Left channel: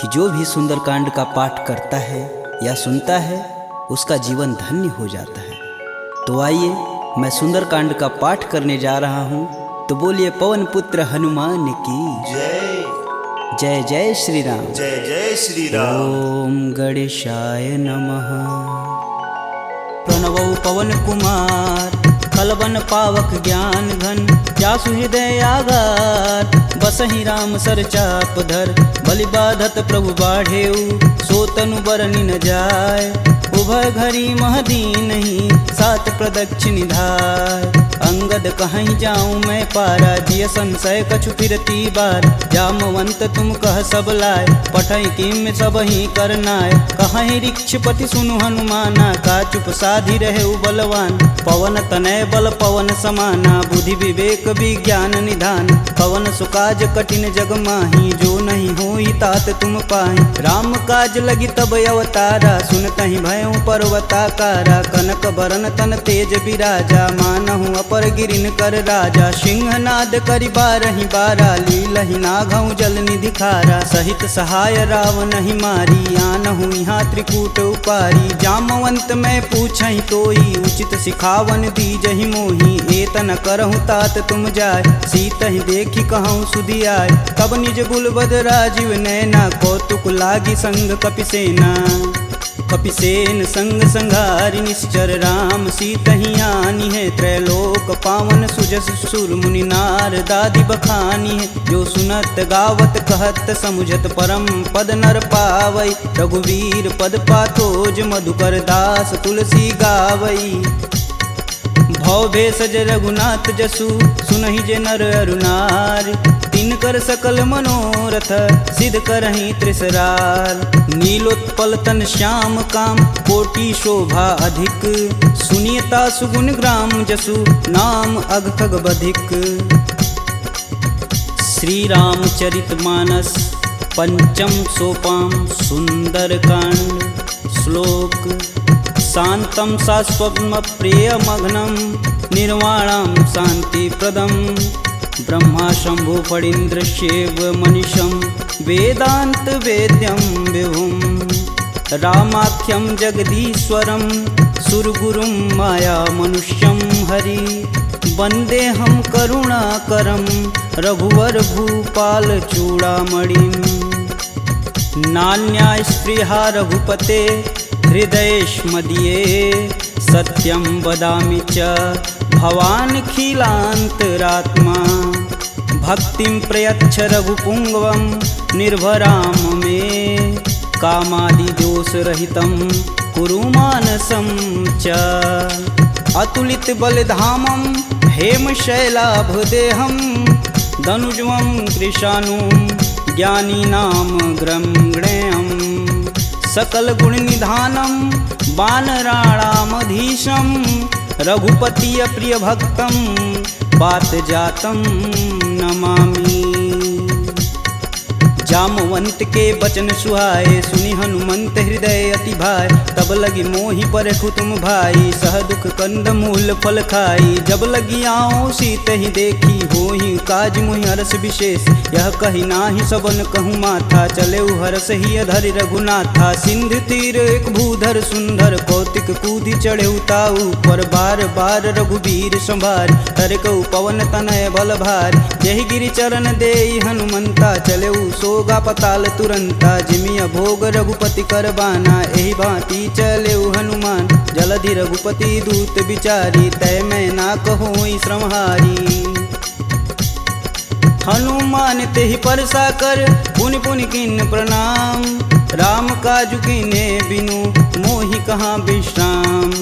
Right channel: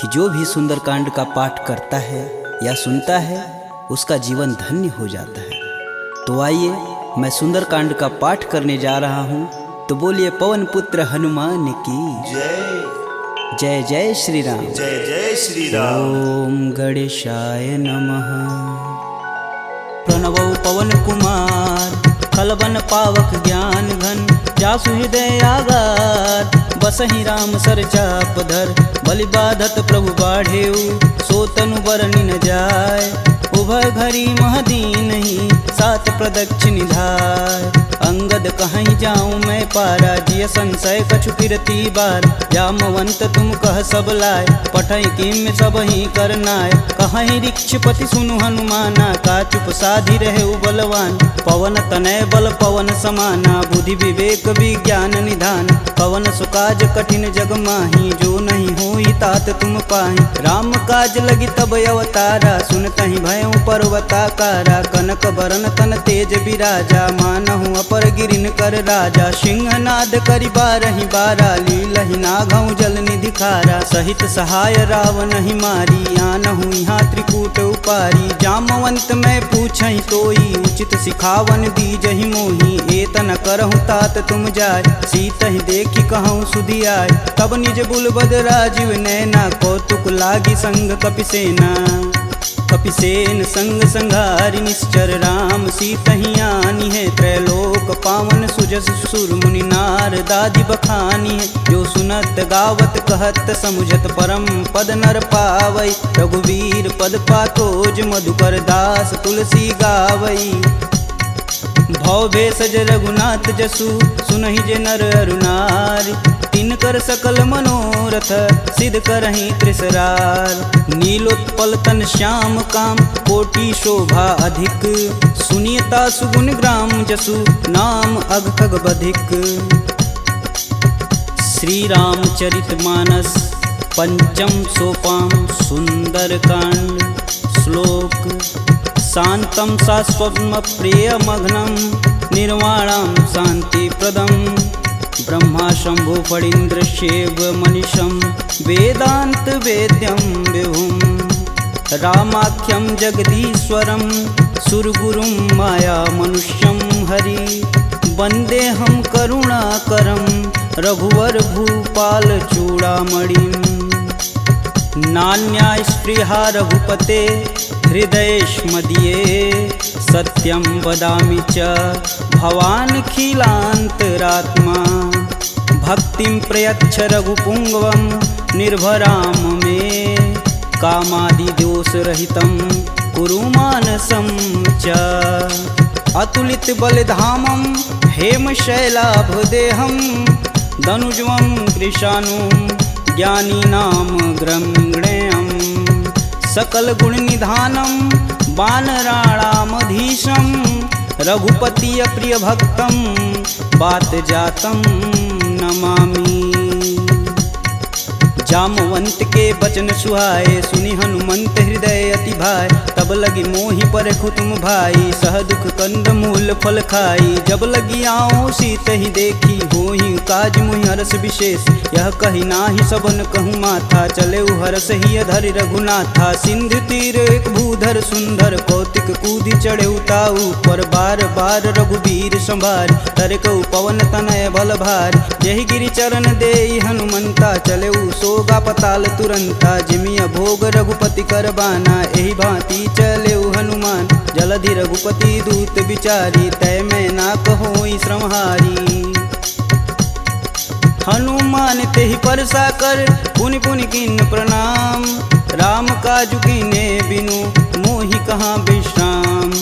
कि जो भी सुंदरकांड का पाठ करता है या सुनता है उसका जीवन धन्य हो जाता है। तो आइए मैं सुंदरकांड का पाठ करने जा रहा हूँ, तो बोलिए पवन पुत्र हनुमान की जय जय। जय श्री राम। जय जय श्री राम। ओम गणेशाय नमः। प्रणवौ पवन कुमार खलबन पावक ज्ञान घन, जासु हृदय आगार बसहि राम सर चाप धर। बलि बाधत प्रभु बाढ़ेऊ, सो तनु बरनि न जाय। उभय घरी महदीन ही, सात प्रदक्षिण निधाय। अंगद कहीं जाऊं मैं पारा, जिय संशय कछु फिरती बार। जामवंत तुम कह सब लाय, पठई किम सब ही करनाय। कहीं ऋक्षपति सुनु हनुमाना, का चुप साधि रहे बलवान। पवन तनय बल पवन समाना, बुद्धि विवेक विज्ञान निधान। पवन सुकाज कठिन जग माही, जो नहीं होई तात तुम पाही। राम काज लगी तब अवतारा, सुनतहि भयउ पर्वताकारा। कनक बरन तन तेज बिराजा, मानहु अपर गिरिन कर राजा। सिंहनाद करि बारहि बारा, लीलहि नाघउ जल निधि खारा। सहित सहाय रावण ही मारी, आनहु यहाँ त्रिकूट उपारी। जामवंत मैं पूछहि तोई, उचित सिखावन दीजहि मोहि। एतन करहु तात तुम जाय, सीतहि देखि कहूँ सुधि आय। तब निज बुलबद राजीव नैना, कौतुक लागी संग कपिसेना। कपिसेन संग संघारि निश्चर, राम सीतहि आनी है। त्रैलोक पावन सुजस सुर मुनि नार दादि बखानी है। जो सुनत गावत कहत समुझत, परम पद नर पावई। रघुवीर पद पाथोज, मधुकर दास तुलसी गावई। भव भेषज रघुनाथ जसु, सुनहि जे नर अरुनार। तिनकर सकल मनोरथ, सिद्ध करहि त्रिसरार। नीलोत्पल तन श्याम काम, कोटि शोभा अधिक। सुनियता सुगुण ग्राम जसु, नाम अघ खग बधिक। श्री रामचरित मानस पंचम सोपान सुंदरकांड। श्लोक। शांतं शाश्वतं प्रियमघ्नं, निर्वाणं शांतिप्रदं। ब्रह्मा शंभु फणीन्द्रस्यैव मनीषं, वेदांत वेद्यं विभुं। रामाख्यं जगदीश्वरं, सुरगुरुं माया मनुष्यं हरि। वन्देऽहं करुणाकरं, रघुवर भूपाल चूड़ामणिं। नान्या स्पृहा रघुपते, हृदयेष्मदीये। सत्यं वदामि च भवानखिलान्तरात्मा। भक्तिं प्रयच्छ रघुपुङ्गवं, निर्भराम मे। कामादिदोषरहितं कुरु मानसं च। अतुलित बलधामं, हेमशैलाभदेहं। दनुजवं कृशानुं, ज्ञानीनां ग्रंगणेयम्। सकल गुण निधानम, वानराणामधीशं। रघुपति प्रिय भक्तम, बात जातम नमामि। जामवंत के बचन सुहाए, सुनि हनुमंत हृदय अति भाई। तब लगी मोहि परखु तुम भाई, सह दुख कंद मूल फल खाई। जब लगी आओ सीत ही देखी, होहि काज मोहि हरस विशेष। यह कही नाही सबन कहूँ माथा, चले हरस ही धरि रघुनाथा। सिंधु तीर एक भूधर सुंदर, कौतिक कूदि चढ़े ताऊ पर। बार बार रघुबीर संभार, तरकऊ पवन तनय बल भार। जहि गिरि चरण देई हनुमंता, चले सोगा पताल तुरंता। जिमिय भोग रघुपति करबाना, एहि भांति चलेउ हनुमान। जलधि रघुपति दूत बिचारी, तय मैं ना कहोई श्रमहारी। हनुमान तेहि परसा कर, पुनि पुनि किन्न प्रणाम। राम काजु कीन्हे बिनु, मोहि कहाँ विश्राम।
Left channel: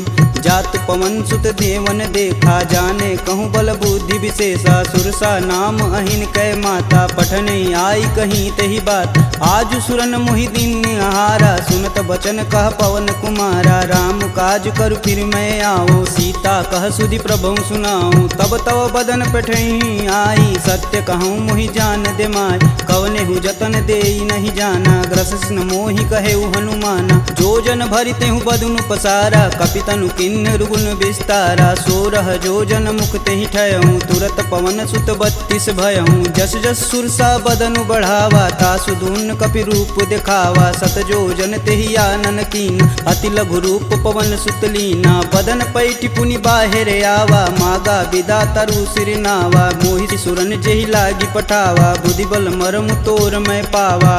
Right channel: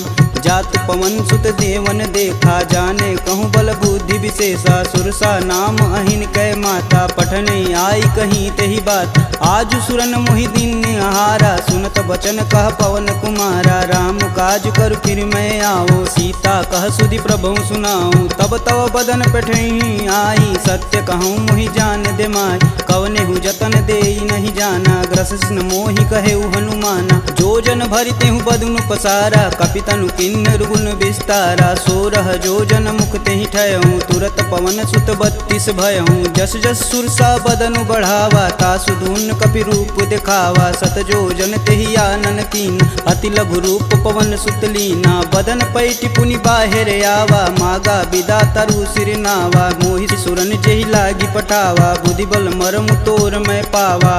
जात पवन सुत देवन देखा, जाने कहूँ बल बुद्धि विशेषा। सुरसा नाम अहिन कै माता, पठने आई कहीं तेहि बात। आज सुरन मोहि दिन आहारा, सुनत बचन कह पवन कुमारा। राम काज कर फिर मैं आओ, सीता कह सुधि प्रभु सुनाऊं। तब तव बदन पठही आई, सत्य कहूँ मोहि जान दे माय। कवनेहु जतन देई नहीं जाना, ग्रसिन मोहि कहेउ हनुमाना। जो जन भरितेहु बदनु पसारा, कपितनु किन किन्नर गुण विस्तारा 16 जोजन मुख तेहि ठयहूँ तुरत पवन सुत 32 भयहूँ जस जस सुरसा बदनु बढ़ावा तासु दून कपि रूप दिखावा 7 जोजन तेहि आनन कीन अति लघु रूप पवन सुत लीना बदन पैठि पुनि बाहिर आवा मागा बिदा तरु सिर नावा मोहि सुरन जेहि लागी पठावा बुद्धि बल मरमु तोर मैं पावा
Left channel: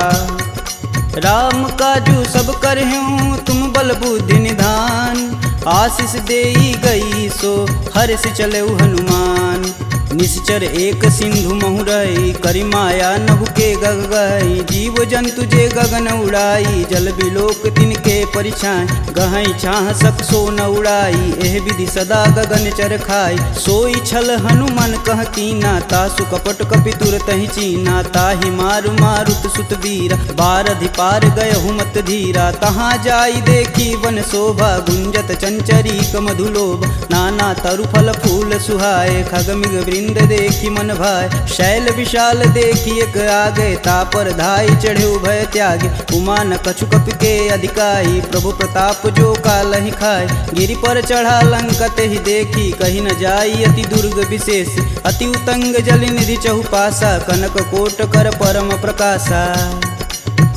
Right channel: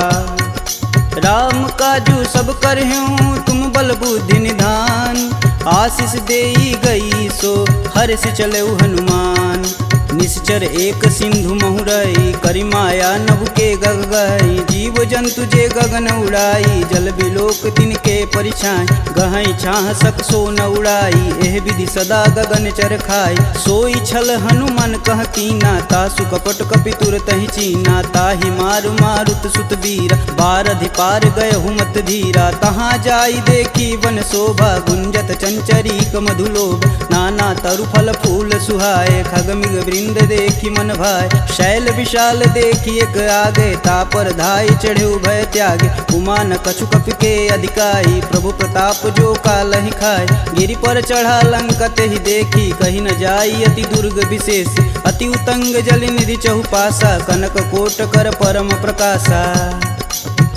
राम काजू सब करहूँ तुम बल बुद्धि निधान आशीष देई गई सो हर से चलेउ हनुमान निश्चर एक सिंधु महुरई करि माया नभु के गग गई जीव जंतु जे गगन उड़ाई जल बिलोक तिनके परिछाई गहई छाह सक सो न उड़ाई एह विधि सदा गगन चर खाई सोई छल हनुमान कह कीना तासु कपट कपि तुरत ही चीना ताहि मारु मारुत सुत वीर बारधि पार गय हुमत धीरा तहाँ जाई देखी वन शोभा गुंजत चंचरीक मधुलोभ नाना तरु फल फूल सुहाए खग मृग वृंद देखी मन भाय शैल विशाल देखी एक आगे तापर धाई चढ़े भय त्यागे उमा न कछु कपि के अधिकाई प्रभु प्रताप जो कालहि खाय गिरि पर चढ़ा लंकत ही देखी कहीं न जाई अति दुर्ग विशेष अति उतंग जल निधि चहुपासा कनक कोट कर परम प्रकाशा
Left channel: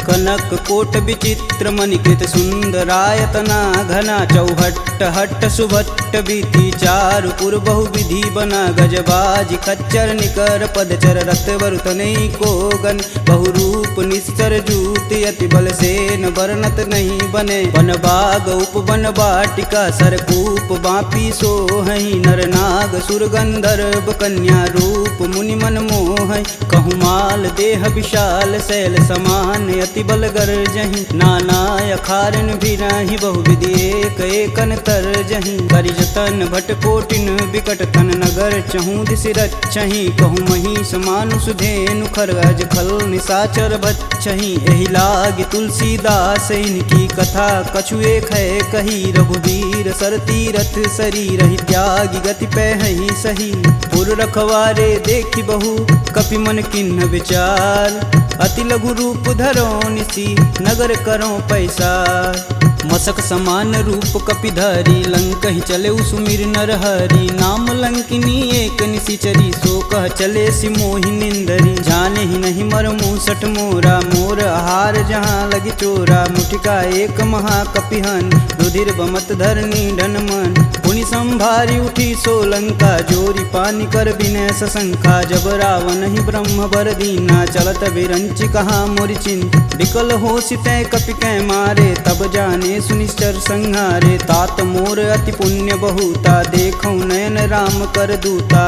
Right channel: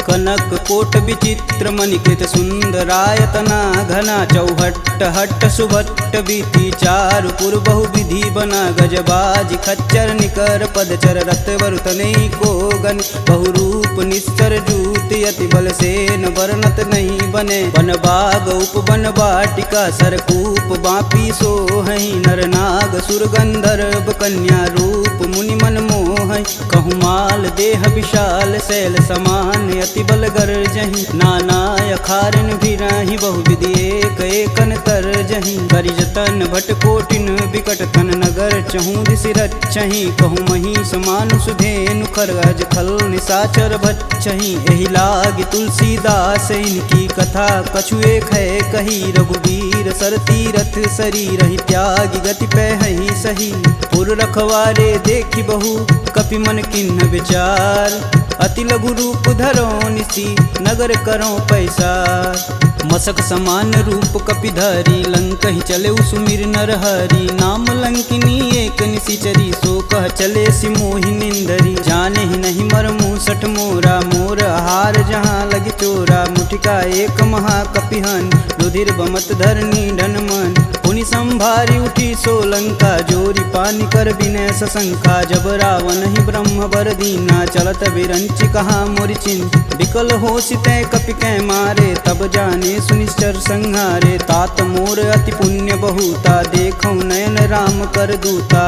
कनक कोट विचित्र मणिकृत सुंदरायतना घना चौहट्ट हट्ट सुभट्ट बीती चारु पुर बहु विधि बना गजबाज खच्चर निकर पदचर रत वरुतने को गन बहुरूप निस्तर जूत अति बल से न वर्णत नहीं बने वन बाग उप वन बाटिका सरकूप बापी सोहई नर नाग सुर गंधर्व कन्या रूप मुनि मन मोह कहु माल देह विशाल शैल समान अति बल गर्जहि नाना अखारन भिराहि बहु विधि एक एकन तरजहि करि जतन भट कोटिन विकट तन नगर चहु दिसि रक्षहि कहु महिष मानुष धेनु खरगज खल निशाचर भक्षहि एहि लागी तुलसीदास इनकी कथा कछु एक है कही रघुवीर सर तीरथ शरीर ही त्यागी गति पैहि सही पुर रखवारे देखी बहु कपि मन किन्ह विचार अति लघु रूप धरो निसी नगर करो पैसार मसक समान रूप कपिधरी लंक ही चले सुमिर नर हरि नाम लंकिनी एक निशिचरी सो कह चले सि मोहि निंदरी जाने ही नहीं मर मूसठ मोरा मोर आहार जहाँ लगी चोरा मुठिका एक महाकपिहन रुधिर बमत धरनी ढनमन पुनि संभारी उठी सो लंका जोरी पानी कर विनय सशंका जब रावण ही ब्रह्म बर दीना चलत बिरंचि कहा मोरि चिन्ह विकल हो सितै कपि कै मारे तब जाने सुनिश्चर संहारे तात मोर अति पुण्य बहुता देखौ नयन राम कर दूता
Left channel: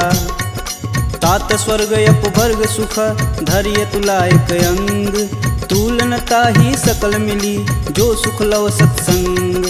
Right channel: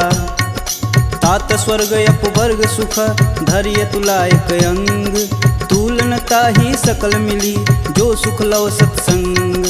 तात स्वर्ग अपवर्ग सुख धैर्य तुलायक अंग तुलनता ही सकल मिली जो सुख लव सत्संग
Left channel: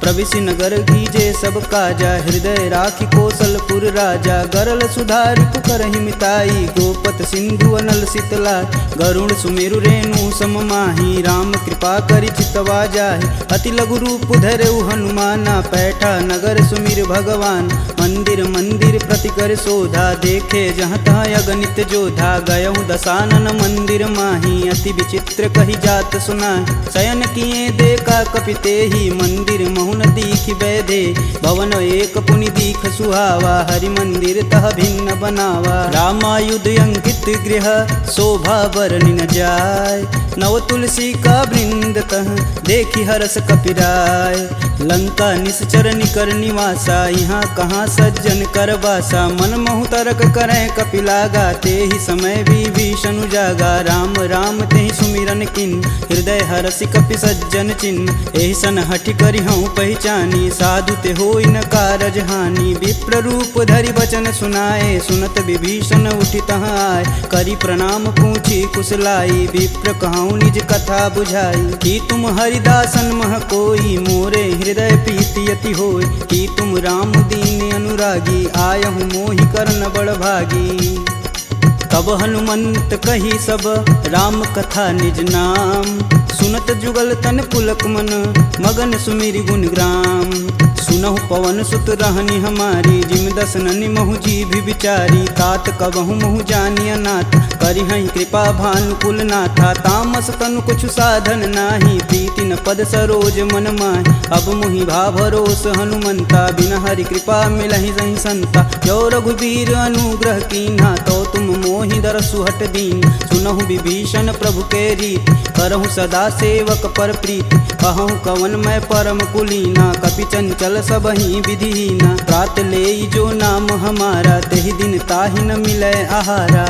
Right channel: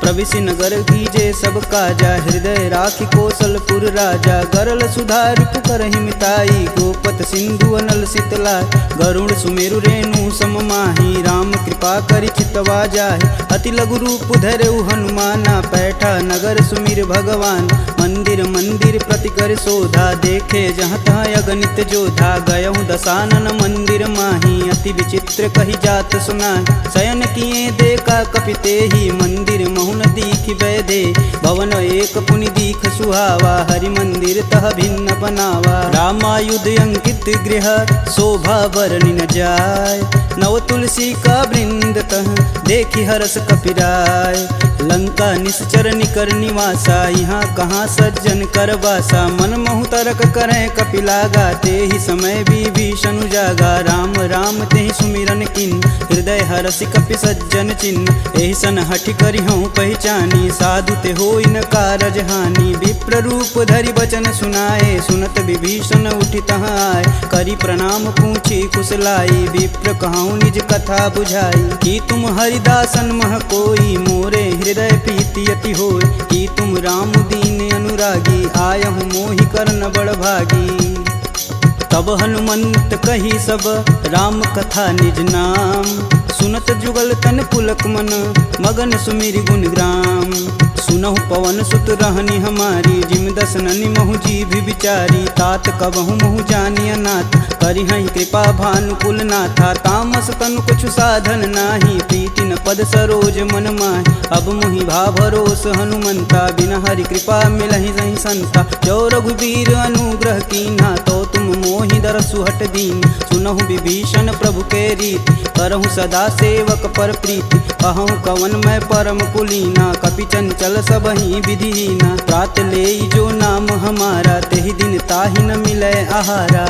प्रविशि नगर कीजे सब काजा हृदय राखी कौशलपुर राजा गरल सुधार पुकरहि मिताई गोपत सिंधु अनल शीतला गरुण सुमेरु रेणु सम माही राम कृपा करि चितवा जाहि अति लघु रूप धरऊ हनुमाना पैठा नगर सुमिर भगवान मंदिर मंदिर प्रति कर शोधा देखे जहाँ तहाँ अगणित जोधा गयहु दशानन मंदिर माही अति विचित्र कही जात सुनाहि शयन किए देखा कपिते ही मंदिर महुन दीख वैदे भवन एक पुनि दीख सुहावा हरि मंदिर तह भिन्न बनावा रामायुध अंकित गृह शोभा बरनि न जाय नव तुलसी का वृंद तह देखी हरस कपिराय लंका निश्चर निकर निवासा यहाँ कहाँ सज्जन कर बासा मन महु तरक करें कपिलागा ते ही समय विभीषण जागा राम राम ते ही सुमिरन किन हृदय हरसि कपि सज्जन चिन्ह एहि सन हठि करि हूँ पहचानी साधु ते होई न कारज हानि विप्र रूप धरि बचन सुनाए सुनत विभीषण उठि तहाँ आए करि प्रणाम पूछी कुशलाई विप्र कहूँ निज कथा बुझाई कि तुम हरिदासन मह कोई मोरे हृदय प्रीति अति होय कि तुम राम दीन अनुरागी आयहु मोहि करन बड़ भागी तब हनुमंत कही सब राम कथा निज नाम, सुनत जुगल तन पुलक मन मगन सुमिरि गुण ग्राम। सुनहु पवन सुत रहनी हमारी, जिम दस ननि महु जी भी विचारी। तात कबहु महु जानी अनाथ, करिहहि कृपा भानुकुल नाथा। तामस तनु कुछ साधन नाही, प्रीति न पद सरोज मन माहि। अब मुहि भा भरोस हनुमंता, बिना हरि कृपा मिलहि सहि संता। जो रघुबीर अनुग्रह कीन्हा, तो तुम मोहि दरसु हट दीन। सुनहु विभीषण प्रभु के रीति, करहु सदा सेवक पर प्रीति। कहूँ कवन मैं परम कुलीना, कपि चंचल सबहि विधिहीना। प्रात लेई जो नाम हमारा, तेहि दिन ताहि न मिलै आहारा।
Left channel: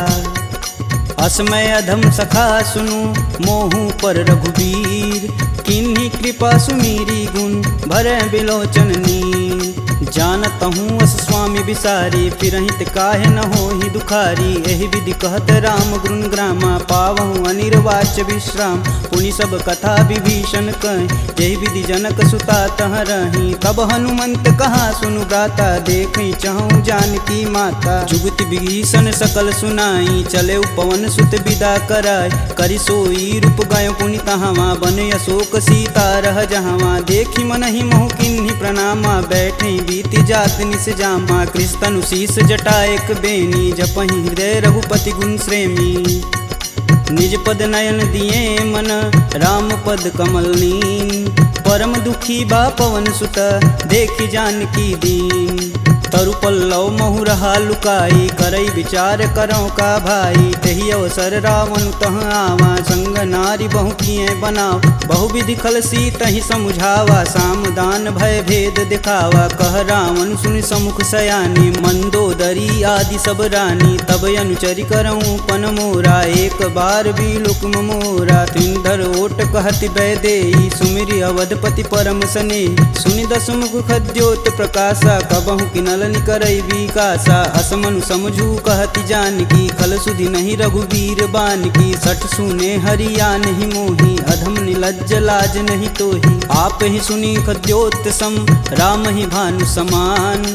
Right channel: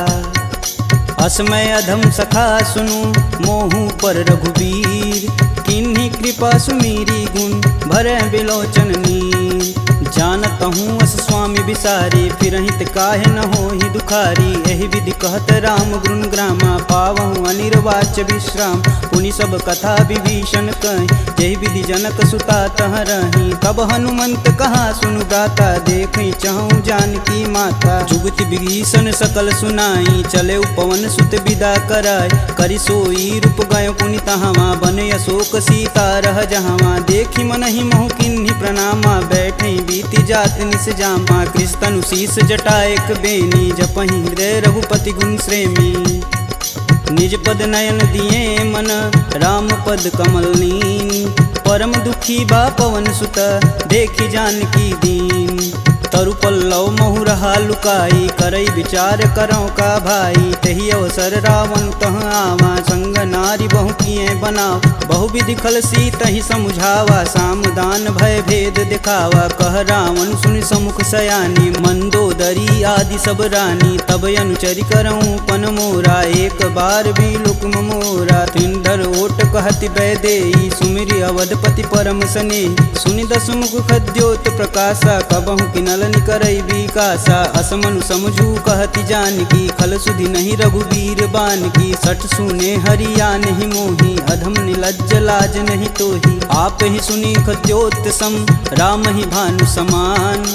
असमय अधम सखा सुनु, मोहु पर रघुबीर। किन्हीं कृपा सुमीरी गुण, भरै बिलोचन नीर। जानतहूँ अस स्वामी बिसारी, फिरहित काहे न होहि दुखारी। एहि विधि कहत राम गुण ग्रामा, पावहु अनिर्वाच्य विश्राम। पुनि सब कथा विभीषण कहि, जेहि विधि जनक सुता तह रही। तब हनुमंत कहा सुनु भ्राता, देखहि चहु जानकी माता। जुगति विभीषण सकल सुनाई, चले पवन सुत विदा कराय। करि सोई रूप गयो पुनि तहावा, बन अशोक सीता रह जहावा। देखि मनहि मोहु किन्हीं प्रणामा, बैठे बीति जात निस जामा। कृष्ण शीस जटा एक बेनी, जपहि हृदय रघुपति गुण श्रेमी। निज पद नयन दिए मन, राम पद कमल नीन। परम दुखी बा पवन सुत, देखि जानकी दीन। तरु पल्लव महु रहा लुकाई, करई विचार करौ का भाई। तही अवसर रावण तह आवा, संग नारी बहु किए बनाव। बहु विधि खलसी तहि समुझावा, साम दान भय भेद दिखावा। कह रावण सुनि समुख सयानी, मंदोदरी आदि सब रानी। तब अनुचरि करऊँ पन मोरा, एक बार भी लुक्म मोरा। त्रिंधर ओट कहति बैदेई, सुमिरि अवधपति परम स्नेही। सुनि दस मुख खद्योत प्रकाशा, कबहु किनल करई विकासा। असमनु समझू कहति जानकी, खल सुधि नहीं रघुवीर बानकी। सठ सुने हरिया नहीं मोही, अधम निलज्ज लाज नहीं तोही। आप ही सुनी खद्योत सम, राम ही भानु समान।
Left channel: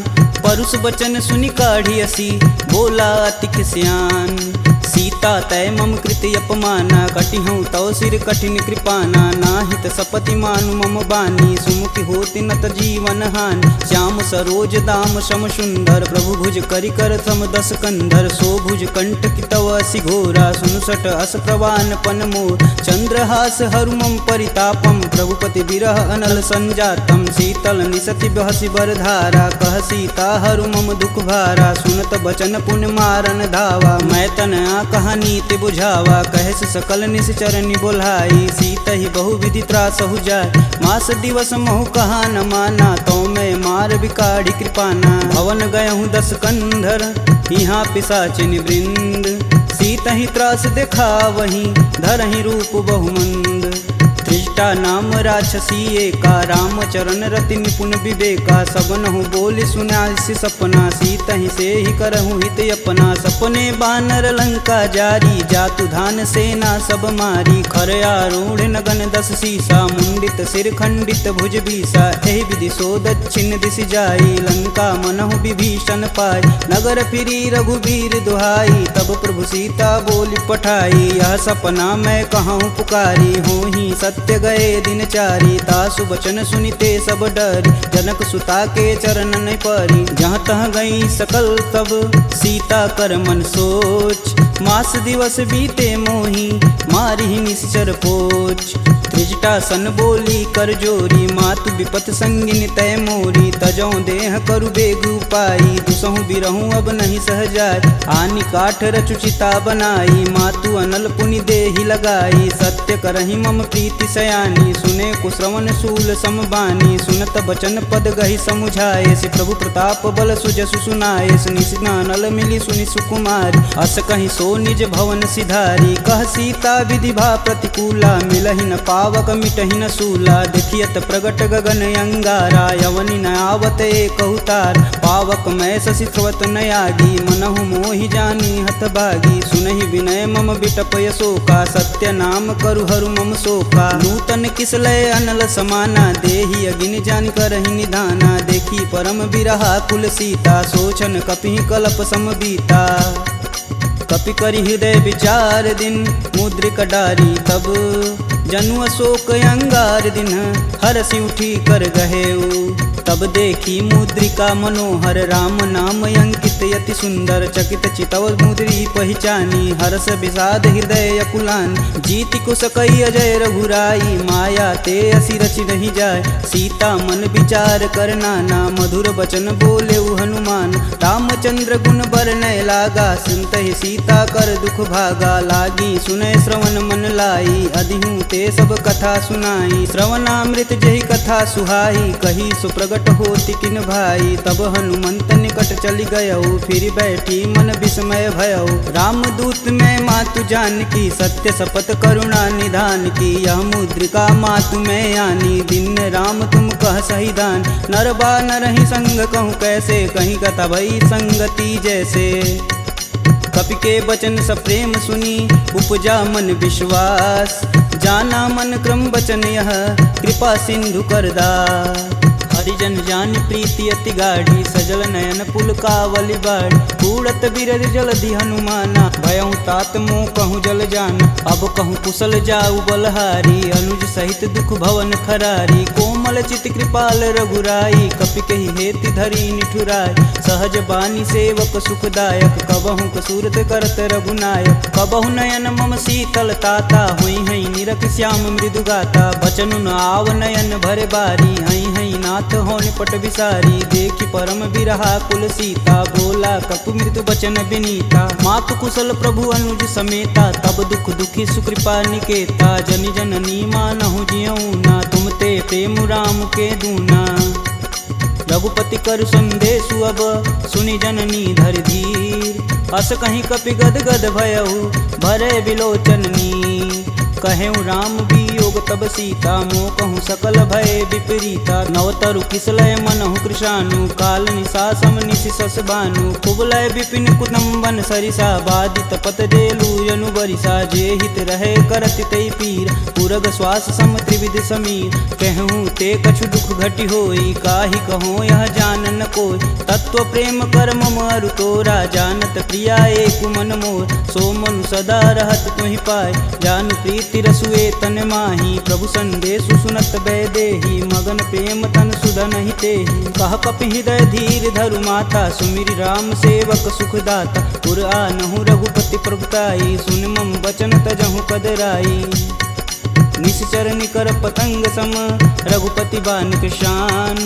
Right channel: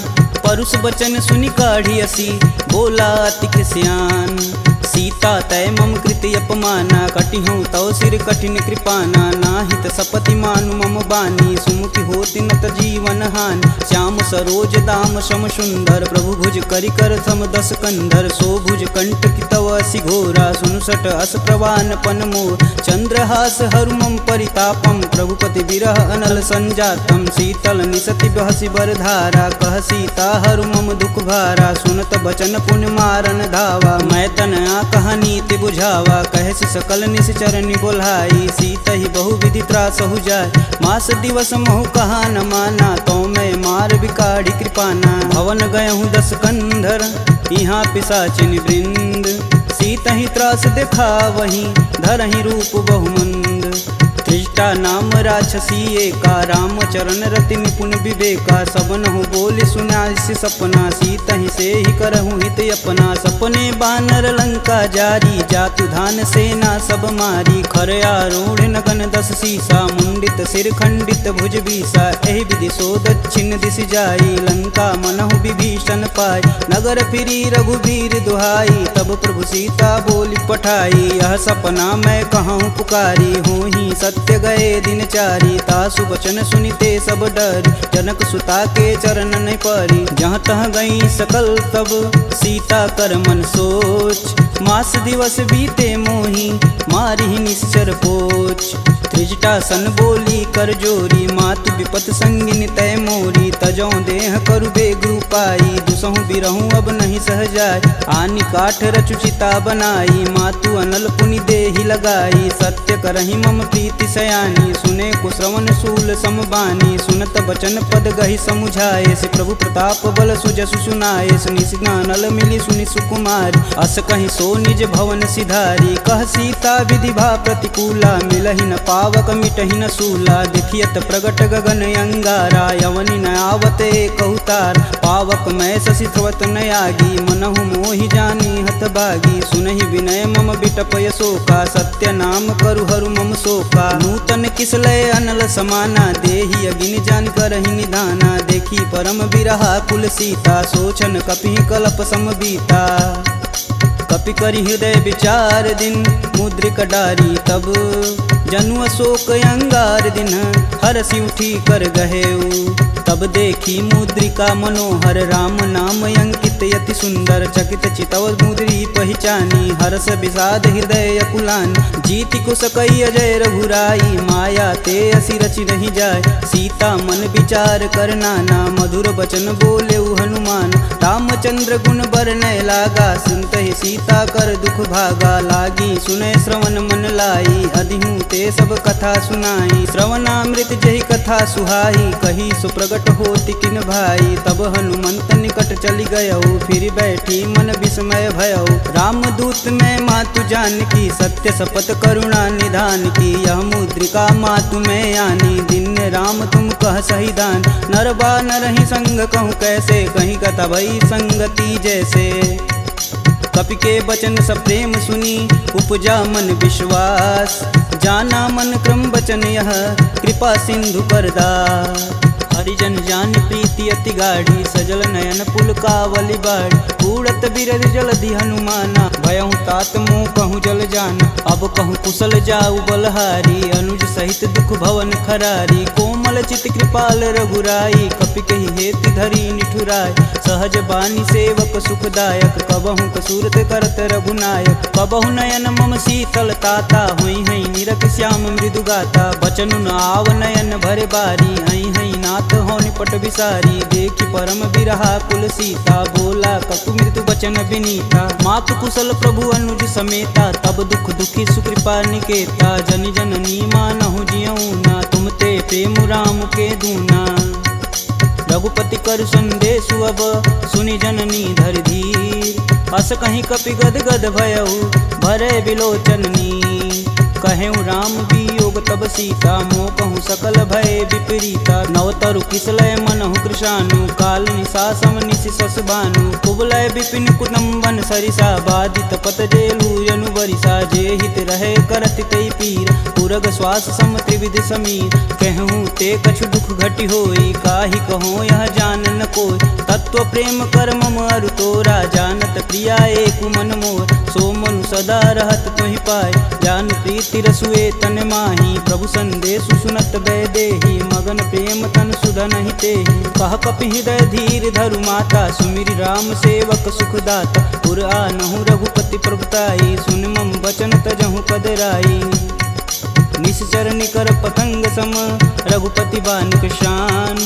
परुष बचन सुनि काढ़ी असी, बोला अति खिसियान। सीता तय मम कृति अपमाना, कटिहूँ तव सिर कठिन कृपाना। नाहित सपति मानु मम बानी, सुमुखी होति नत जीवन हानि। श्याम सरोज दाम सम सुंदर, प्रभु भुज करि कर सम दस कंधर। सो भुज कंठ की तव असि घोरा, सुनुसट अस प्रवान पन मोर। चंद्रहास हरु मम परितापम, प्रभुपति बिरह अनल संजातम। शीतल निसति बहसि बरधारा, कह सीता हरु मम दुख भारा। सुनत बचन पुन मारन धावा, मैं तन कहानी ते बुझावा। कहस सकल निश्चरनि बोलाई, सीत ही बहु विधि त्रास हो जाय। मास दिवस महु कहा न माना, तो मैं मार बिकाढ़ी कृपाना। भवन गयहूँ दस कंधर, यहाँ पिशाचिन वृंद। सीत ही त्रास देखा वहीं, धरहि रूप बहुमंद। त्रिजटा नाम राक्षसी एका, राम चरण रति निपुण विवेका। सबनहु बोल सुनासि सपना, सीत ही से ही करहु हित अपना। सपने बानर लंका जारी, जातु धान सेना सब मारी। खर आरूढ़ नगन दस सीसा, मुंडित सिर खंडित भुज बीसा। एहि विधि सो दक्षिण दिशि जाई, लंका मनहु विभीषण पाई। नगर फिरी रघुबीर दुहाई, तब प्रभु सीता बोली पठाई। यह सपना मैं कहूँ पुकारी, होहि सत्य गए दिन चारी। तासु बचन सुनिते सब डरी, जनक सुता के चरण न परी। जहाँ तह गई सकल तब, सीता कर मन सोच। मास दिवस बीते मोही, मारी निश्चर पोच। त्रिजटा सन बोली कर जोरी, मातु विपत संगिन तय मोरी। तजौ देह करु बेग उपाई, दुसहु बिरहूँ अब नहीं सह जाय। आनि काठ रचुचिता बनाई, मातु अनल पुनि देहि लगाई। सत्य करहि मम प्रीति सयानी, सुने कुश्रवण शूल समबानी। सुनत बचन पद गहि समुझाए, से प्रभु प्रताप बल सुजसु सुनाए। निशिनानल मिली सुनि सुकुमारी, अस कहि सो निज भवन सिधारी। कह सीता विधि भा प्रतिकूला, मिलहि न पावक मिटहि न सूला। देखियत प्रगट गगन अंगारा, यवनि न आवत एक अवतार। पावक मैं शशि स्रवत न आगी, मनहु मोहि जानी हत भागी। सुनहि विनय मम बिटप यशोका, सत्य नाम करु हरु मम शोका। नूतन किसलय अनल समाना, देहि अगिन जान करहि निधाना। देखी परम बिरहा कुल सीता, सोचन कपिहि कलप समबीता। कपि करि हृदय विचार दिन मुद्रिका डारी तब जनु अशोक अंगार दिन हरसि उठी कर गहेऊ तब देखी मुद्रिका मनोहर राम नाम अंकित यति सुंदर चकित चितव मुद्री पहचानी हरस विषाद हृदय अकुलान जीति को सकई अजय रघुराई माया ते असी रचि नहीं जाय सीता मन विचार कर नाना मधुर बचन बोले हनुमान रामचंद्र गुण बरनय लागा सुनत ही सीता कर दुख भागा लागी सुनय श्रवण मन लाई अधिहूँ ते सब कथा सुनाई श्रवणामृत जही कथा सुहाई कही सुप्रगट होती किन भाई तब हनुमंत निकट चली गयऊ फिर बैठी मन विस्मय भयऊ रामदूत में मातु जानकी सत्य शपथ करुणा निधान की यह मुद्रिका मातु में आनी दिन राम तुम कह सही दान नरबा नरहि संग कहूँ कैसे कहीं कथा भई संगति जैसे कपि के वचन सप्रेम सुनी उपजा मन विश्वास जाना मन क्रम वचन यह कृपा सिंधु करदार हरिजन जान प्रीति अति गाढ़ी सजल नयन पुल कावली बाढ़ कूड़त बिरद जलधि हनुमाना भयहु तात मोह कहूँ जल जान अब कहूँ कुशल जाऊ बलहारी अनुज सहित दुख भवन खरारी कोमल चित कृपाल रघुराई कपि कहि हेति धरी निठुराय सहज बानी सेवक सुखदायक कबहु कसूरत करत रघुनायक कबहु नयन मम शीतल ताता हुई हई निरख श्याम मृदु गाता बचनु न आव नयन भरे बारी हई हई नाथ हो निपट बिसारी देखी परम बिरहा कुल सीता बोला कपु मृदु बचन विनीता मातु कुशल प्रभु अनुज समेता तब दुख दुखी सुकृपा निकेता जनि जननी मानहु जियऊ ना तुम ते प्रेम राम के दूना रघुपति कर संदेशु अब सुनि जननी धरि धीर अस कहीं कपि गद गद भयऊ भरे बिलोचननी कहेऊ राम वियोग तब सीता मोह कहूँ सकल भय विपरीता नवतरु किसलय मनहु कृशानु काल निशा सम निशि सस भानु कुबलय विपिन कुदम्बन सरिसा बादित पत जेलू जनु बरिसा जे हित रहे करति तई पीर पुरग श्वास सम त्रिविध समीर कहूँ ते कछु दुख घटि होई काहि कहो यह जान न कोय तत्व प्रेम कर मम अरु तोरा जानत प्रिया एक मन मोर सो मनु सदा रहत तुहि पाय जानु प्रीत तिरसुए तन माही प्रभु संदेशु सुनत बैदेही मगन प्रेम तन सुधन ही तेहि कह कपि हृदय धीर धरु माता सुमिरि राम सेवक सुखदाता पुर आनहु रघुपति प्रभुताई सुन मम वचन तजहु कदराई निश्चर निकर पतंग सम रघुपति बान कृशान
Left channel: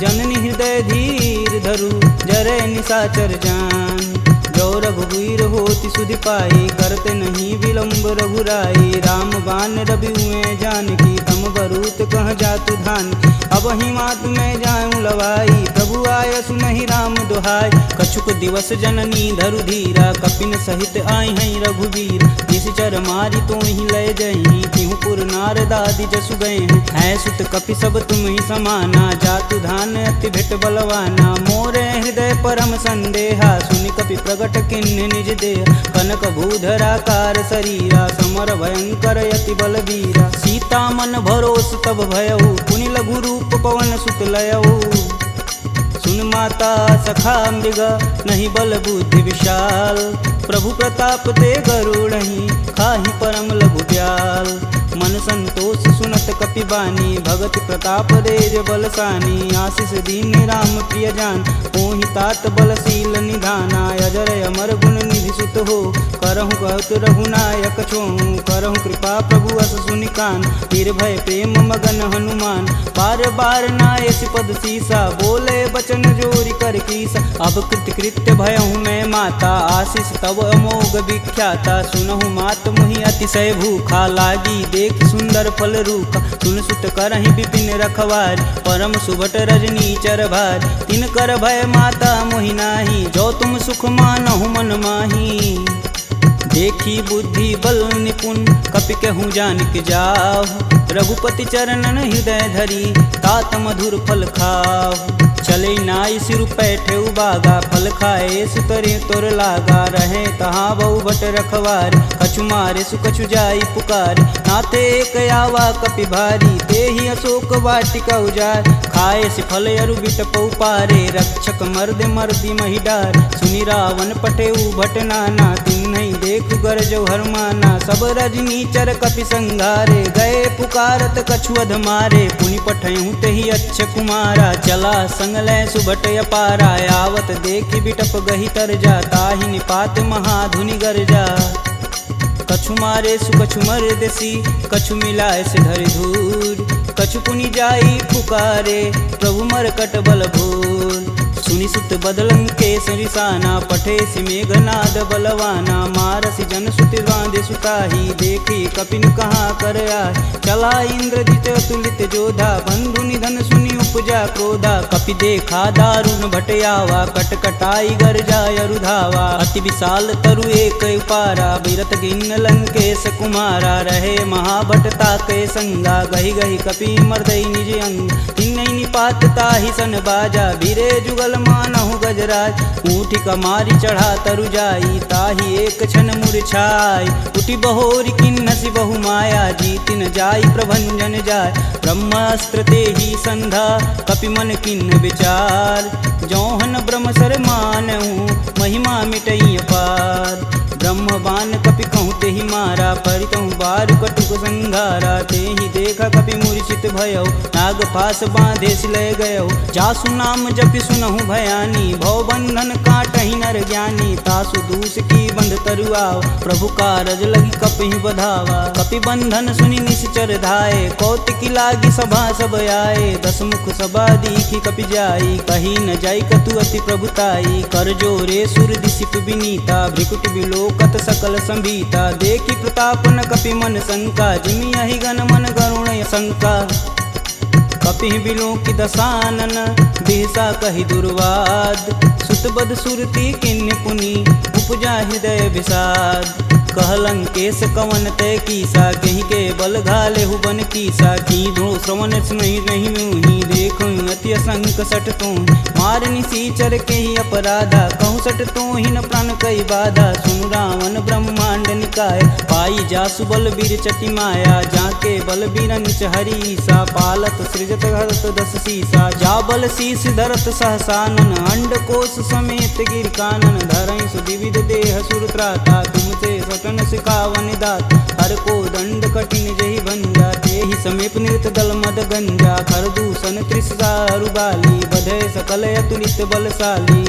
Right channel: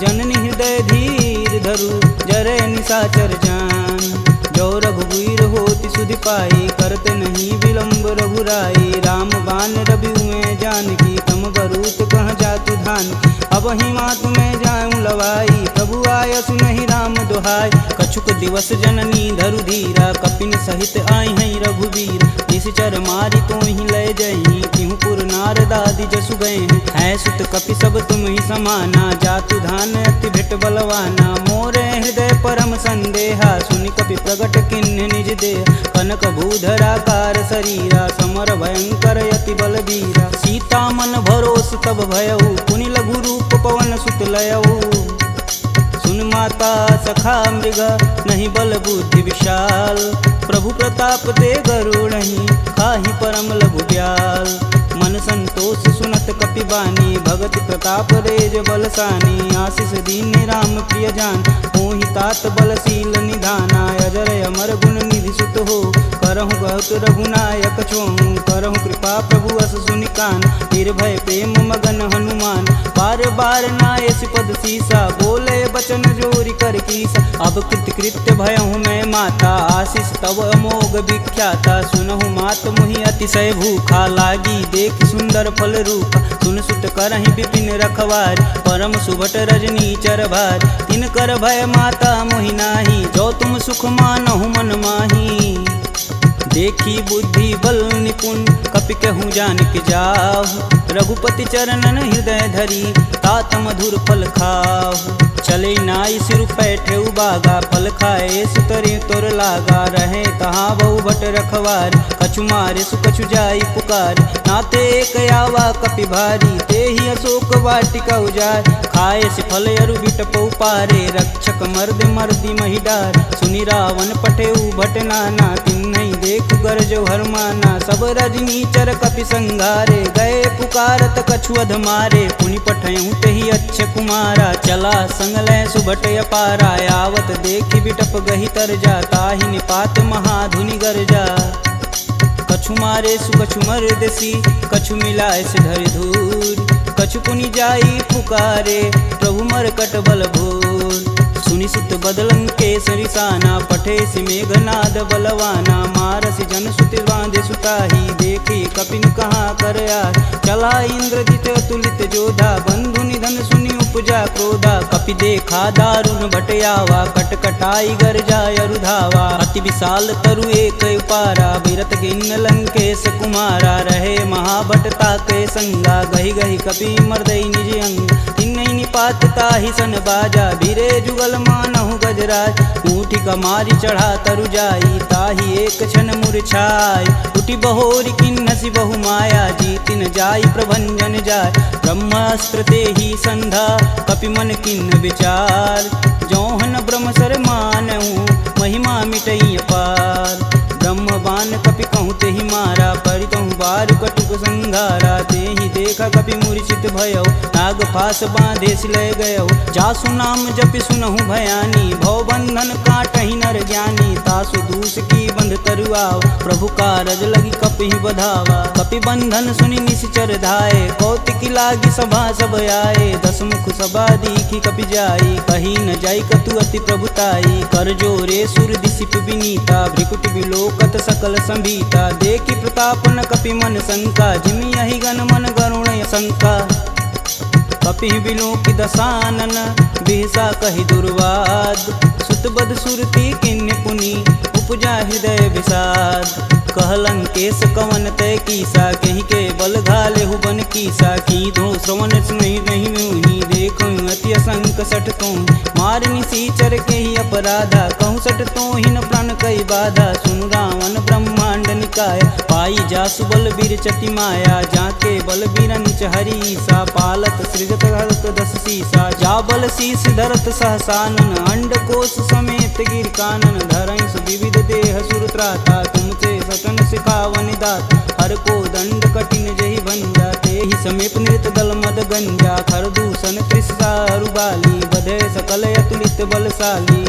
जननी हृदय धीर धरु जरे निशाचर जान जो रघुवीर होति सुधि पाई करते नहीं विलंब रघुराई राम बान रवि हुए जानकी तम बरूत कह जातु धान अब ही मातु में जाऊं लवाई प्रभु आय सुनहि राम दुहाई कछुक दिवस जननी धरु धीरा कपिन सहित आई हैं रघुवीर निश्चर मारी तो ही लय जही तिहु पुर नारदादि जसु गए हैं सुत कपि सब तुम ही समाना जातु धान अति भेट बलवाना मोरे हृदय परम संदेहा सुनि कपि प्रगट किन्ह निज देह कनक भूधराकार शरीरा समर भयंकर यति बलबीरा सीता मन भरोस तब भयऊ पुनि लघु रूप पवन सुत लयऊ सुन माता सखा मृग नहीं बल बुद्धि विशाल प्रभु प्रताप ते गरुड़हि खाहि परम लघु ब्याल मन संतोष सुनत कपि बानी भगति प्रताप रेज बलसानी आशीष दीन राम प्रिय जान होहि तात बलशील निधाना अजर अमर गुण निधि सुत हो करहु कहत रघुनायक छोहु करहु कृपा प्रभु अस सुनिकान निर्भय प्रेम मगन हनुमान बार बार नाय पद सीसा बोले बचन जोरी कर कीसा अब कृत कृत्य भयहु मैं माता आशीष तव अमोघ विख्याता सुनहु मात मुहि अतिशय भूखा लागी देख सुंदर फल रूप सुन सुत करहि विपिन रखवार परम सुभट रजनी चर भार तिन कर भय माता मोहि नाही जो तुम सुख मानहु मन माही देखी बुद्धि बल निपुण कपि कहूँ जानिक जाहु रघुपति चरणन हृदय धरी तात मधुर फल खाहु चले नाई सिर पैठे उबागा फल खाए सुतरे तोर लागा रहे तहाँ बहु भट रखवार कछु मारे सुकछु जाई पुकार नाते एक आवा कपि भारी ते ही अशोक वाटिका उजार खाए से फल अरु बिटपौ पारे रक्षक मर्द मर्दी महिडार सुनि रावण पटे भट नाना तिन्हि देख गरजो हरमाना। सब रजनी चर कपि संघारे, गए पुकारत कछु अधमारे। पुनि पठयहु तेहि अच्छ कुमारा, चला संग लय सुभट अपारा। आवत देखि बिटप गही तरजा, ताहि निपात महाधुनि गरजा। कछु मारे सु कछु मर्दसी, कछु मिलाए से धरि धूर। कछु पुनि जाई पुकारे, प्रभु मरकट बल भूर। सुनि सुत बदलंके सरिसाना, पठे सि मेघनाद बलवाना। मारसि जन सुत बांधे सुताही, देखी कपिन कहाँ कर आए। चला इंद्रजित अतुलित जोधा, बंधु निधन सुनि उपजा क्रोधा। कपि देखा दारुण भटयावा, कटकटाई गरजाय अरुधावा। अति विशाल तरु एक उपारा, बिरत गिन्न लंकेश कुमारा। रहे महाभटता के संगा, गही गही कपि मर्दई निज अंग। तिन्नई निपात ताहि सन बाजा, बीरे जुगल मानहु गजराज। ऊँटी कमारी चढ़ा तरु जाई, ताहि एक क्षण मूर्छाई। उठी बहोरी किन्नसी बहु माया, जीतिन जाई प्रभंजन जाय। ब्रह्मास्त्र तेहि संधा, कपि मन किन्न विचार। जौहन ब्रह्म सर मानहु, महिमा मिटई अपार। ब्रह्म बान कपि कहूँ तेहि मारा, परितहु बारु कटुक संघारा। तेहि देखा कपि मूर्छित भयउ, नाग फास बांधे सिलय गयउ। जासु नाम जपि सुनहु भयानी, भव बंधन काटहि नर ज्ञानी। तासु दूस की बंध तरुआव, प्रभु कारज लगी कपिहि बधावा। कपि बंधन सुनि निश्चर धाये, कौतिकी लागी सभा सब आए। दस मुख सभा दीखी कपि जाई, कही न जाई कतु अति प्रभुताई। कर जोरे सुर दिसिप विनीता, भ्रिकुट बिलोकत सकल संभीता। देखी प्रताप न कपि मन शंका, जिमि यही गण मन गरुण शंका। कपि बिलोकि दसानन, बिहसा कहि दुर्वाद। सुतबद सुरती किन्य पुनि, उपजा हृदय विषाद। कहलंकेश कवन तय कीसा, कहीं के बल घालेहु बन कीसा। की धो श्रवण नहीं मुहि, देखूं अति असंक सठ तो। मार निसीचर के ही अपराधा, कहूँ सठ तो ही न प्राण कई बाधा। सुनु रावण ब्रह्मांड निकाय, पाई जासु बल बीर चति माया। जाके बल बीरंच हरीसा, पालत सृजत हरत दस सीसा। जा बल शीस धरत सहसानन, अंड कोश समेत गिर कानन। धरई सुविविध देह सुर त्राता, तुमसे सटन सिखावन दात। हर को दंड कठिन जहि भंजा, तेहि समीप नृत दल मद गंजा। खरदूषण त्रिषा अरुबाली, बधे सकल अतुलित बलशाली।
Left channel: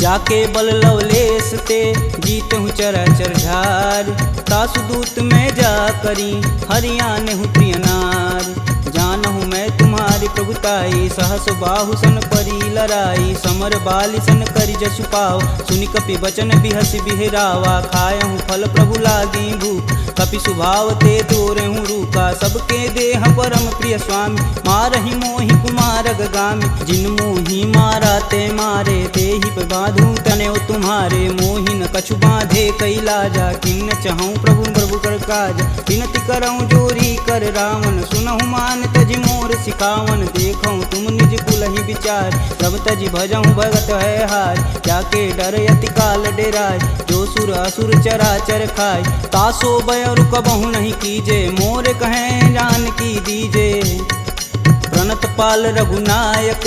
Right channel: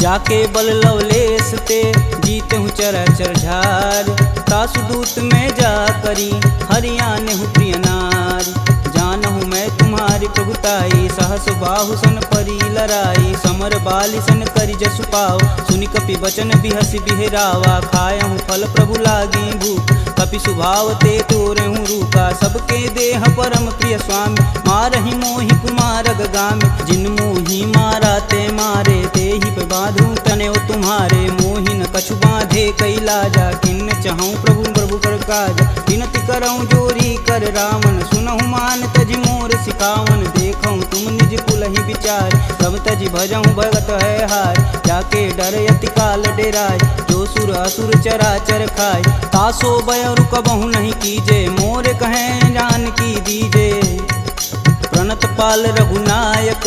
जाके बल लवलेश ते, जीतहु चराचर झार। तासु दूत में जा करी, हरियाणहु प्रिय नार। जानहु मैं तुम्हारी प्रभुताई, सहस बाहु सन परी लराई। समर बाली सन करि जसु पाव, सुनि कपि बचन बिहसि बिहरावा। खायहु फल प्रभु लागी भूख, कपि सुभाव ते तोरहु रूखा। सबके देह परम प्रिय स्वामी, मारहि मोहि कुमार गामी। जिन मोहि मारा ते मारे, तेहि पे बांधु तनेउ तुम्हारे। मोहि न कछु बांधे कई लाजा, किन्न चहऊँ प्रभु प्रभु कर काज। विनति करऊँ जोरी कर रावण, सुनहु मान तजि मोर सिखावन। देखऊँ तुम निज कुलहि विचार, प्रभ तजि भजऊँ भगत है हार। जाके डर अति काल डेराय, जो सुर असुर चराचर खाय। तासो बयरु कबहु नहीं कीजे, मोर कहें जान की दीजे। प्रणत पाल रघुनायक,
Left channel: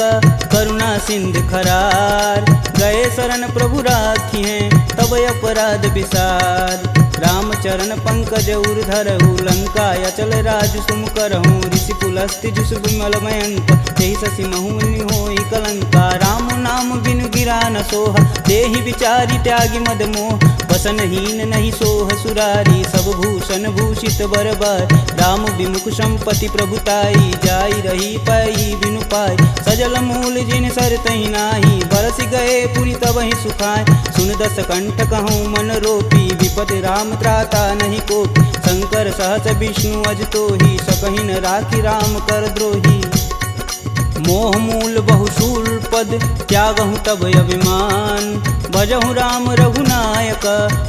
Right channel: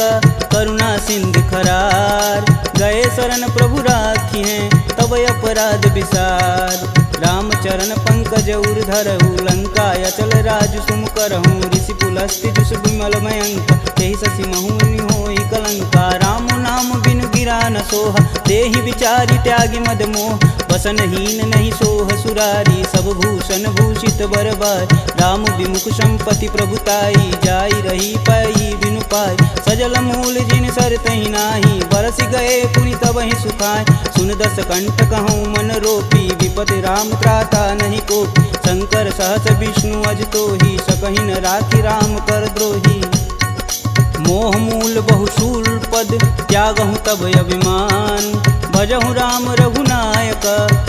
करुणा सिंध खरार। गए शरण प्रभु राखी हैं, तब अपराध विसार। राम चरण पंकज उर धरहु, लंका अचल राजु सुम करहूँ। ऋषि पुलस्ति जुस विमल मयंक, तेहि शशि महुनि होई कलंका। राम नाम बिनु गिरा न सोहा, देहि विचारी त्यागी मद मोह। बसनहीन नहीं सोह सुरारी, सब भूषण भूषित बरबार। राम विमुख संपत्ति प्रभुताई, जाई रही पाई बिनु पाई। सजल मूल जिन सर तहि नाही, बरस गए पुनि तबहि सुखाय। सुन दस कंठ कहूँ मन रोपी, विपति राम त्राता नहीं कोपी। शंकर सहस विष्णु अज तोहि, सकहि न राखी राम कर द्रोही। मोह मूल बहुशूल पद, त्यागहु तब अभिमान। भजहु राम रघुनायक,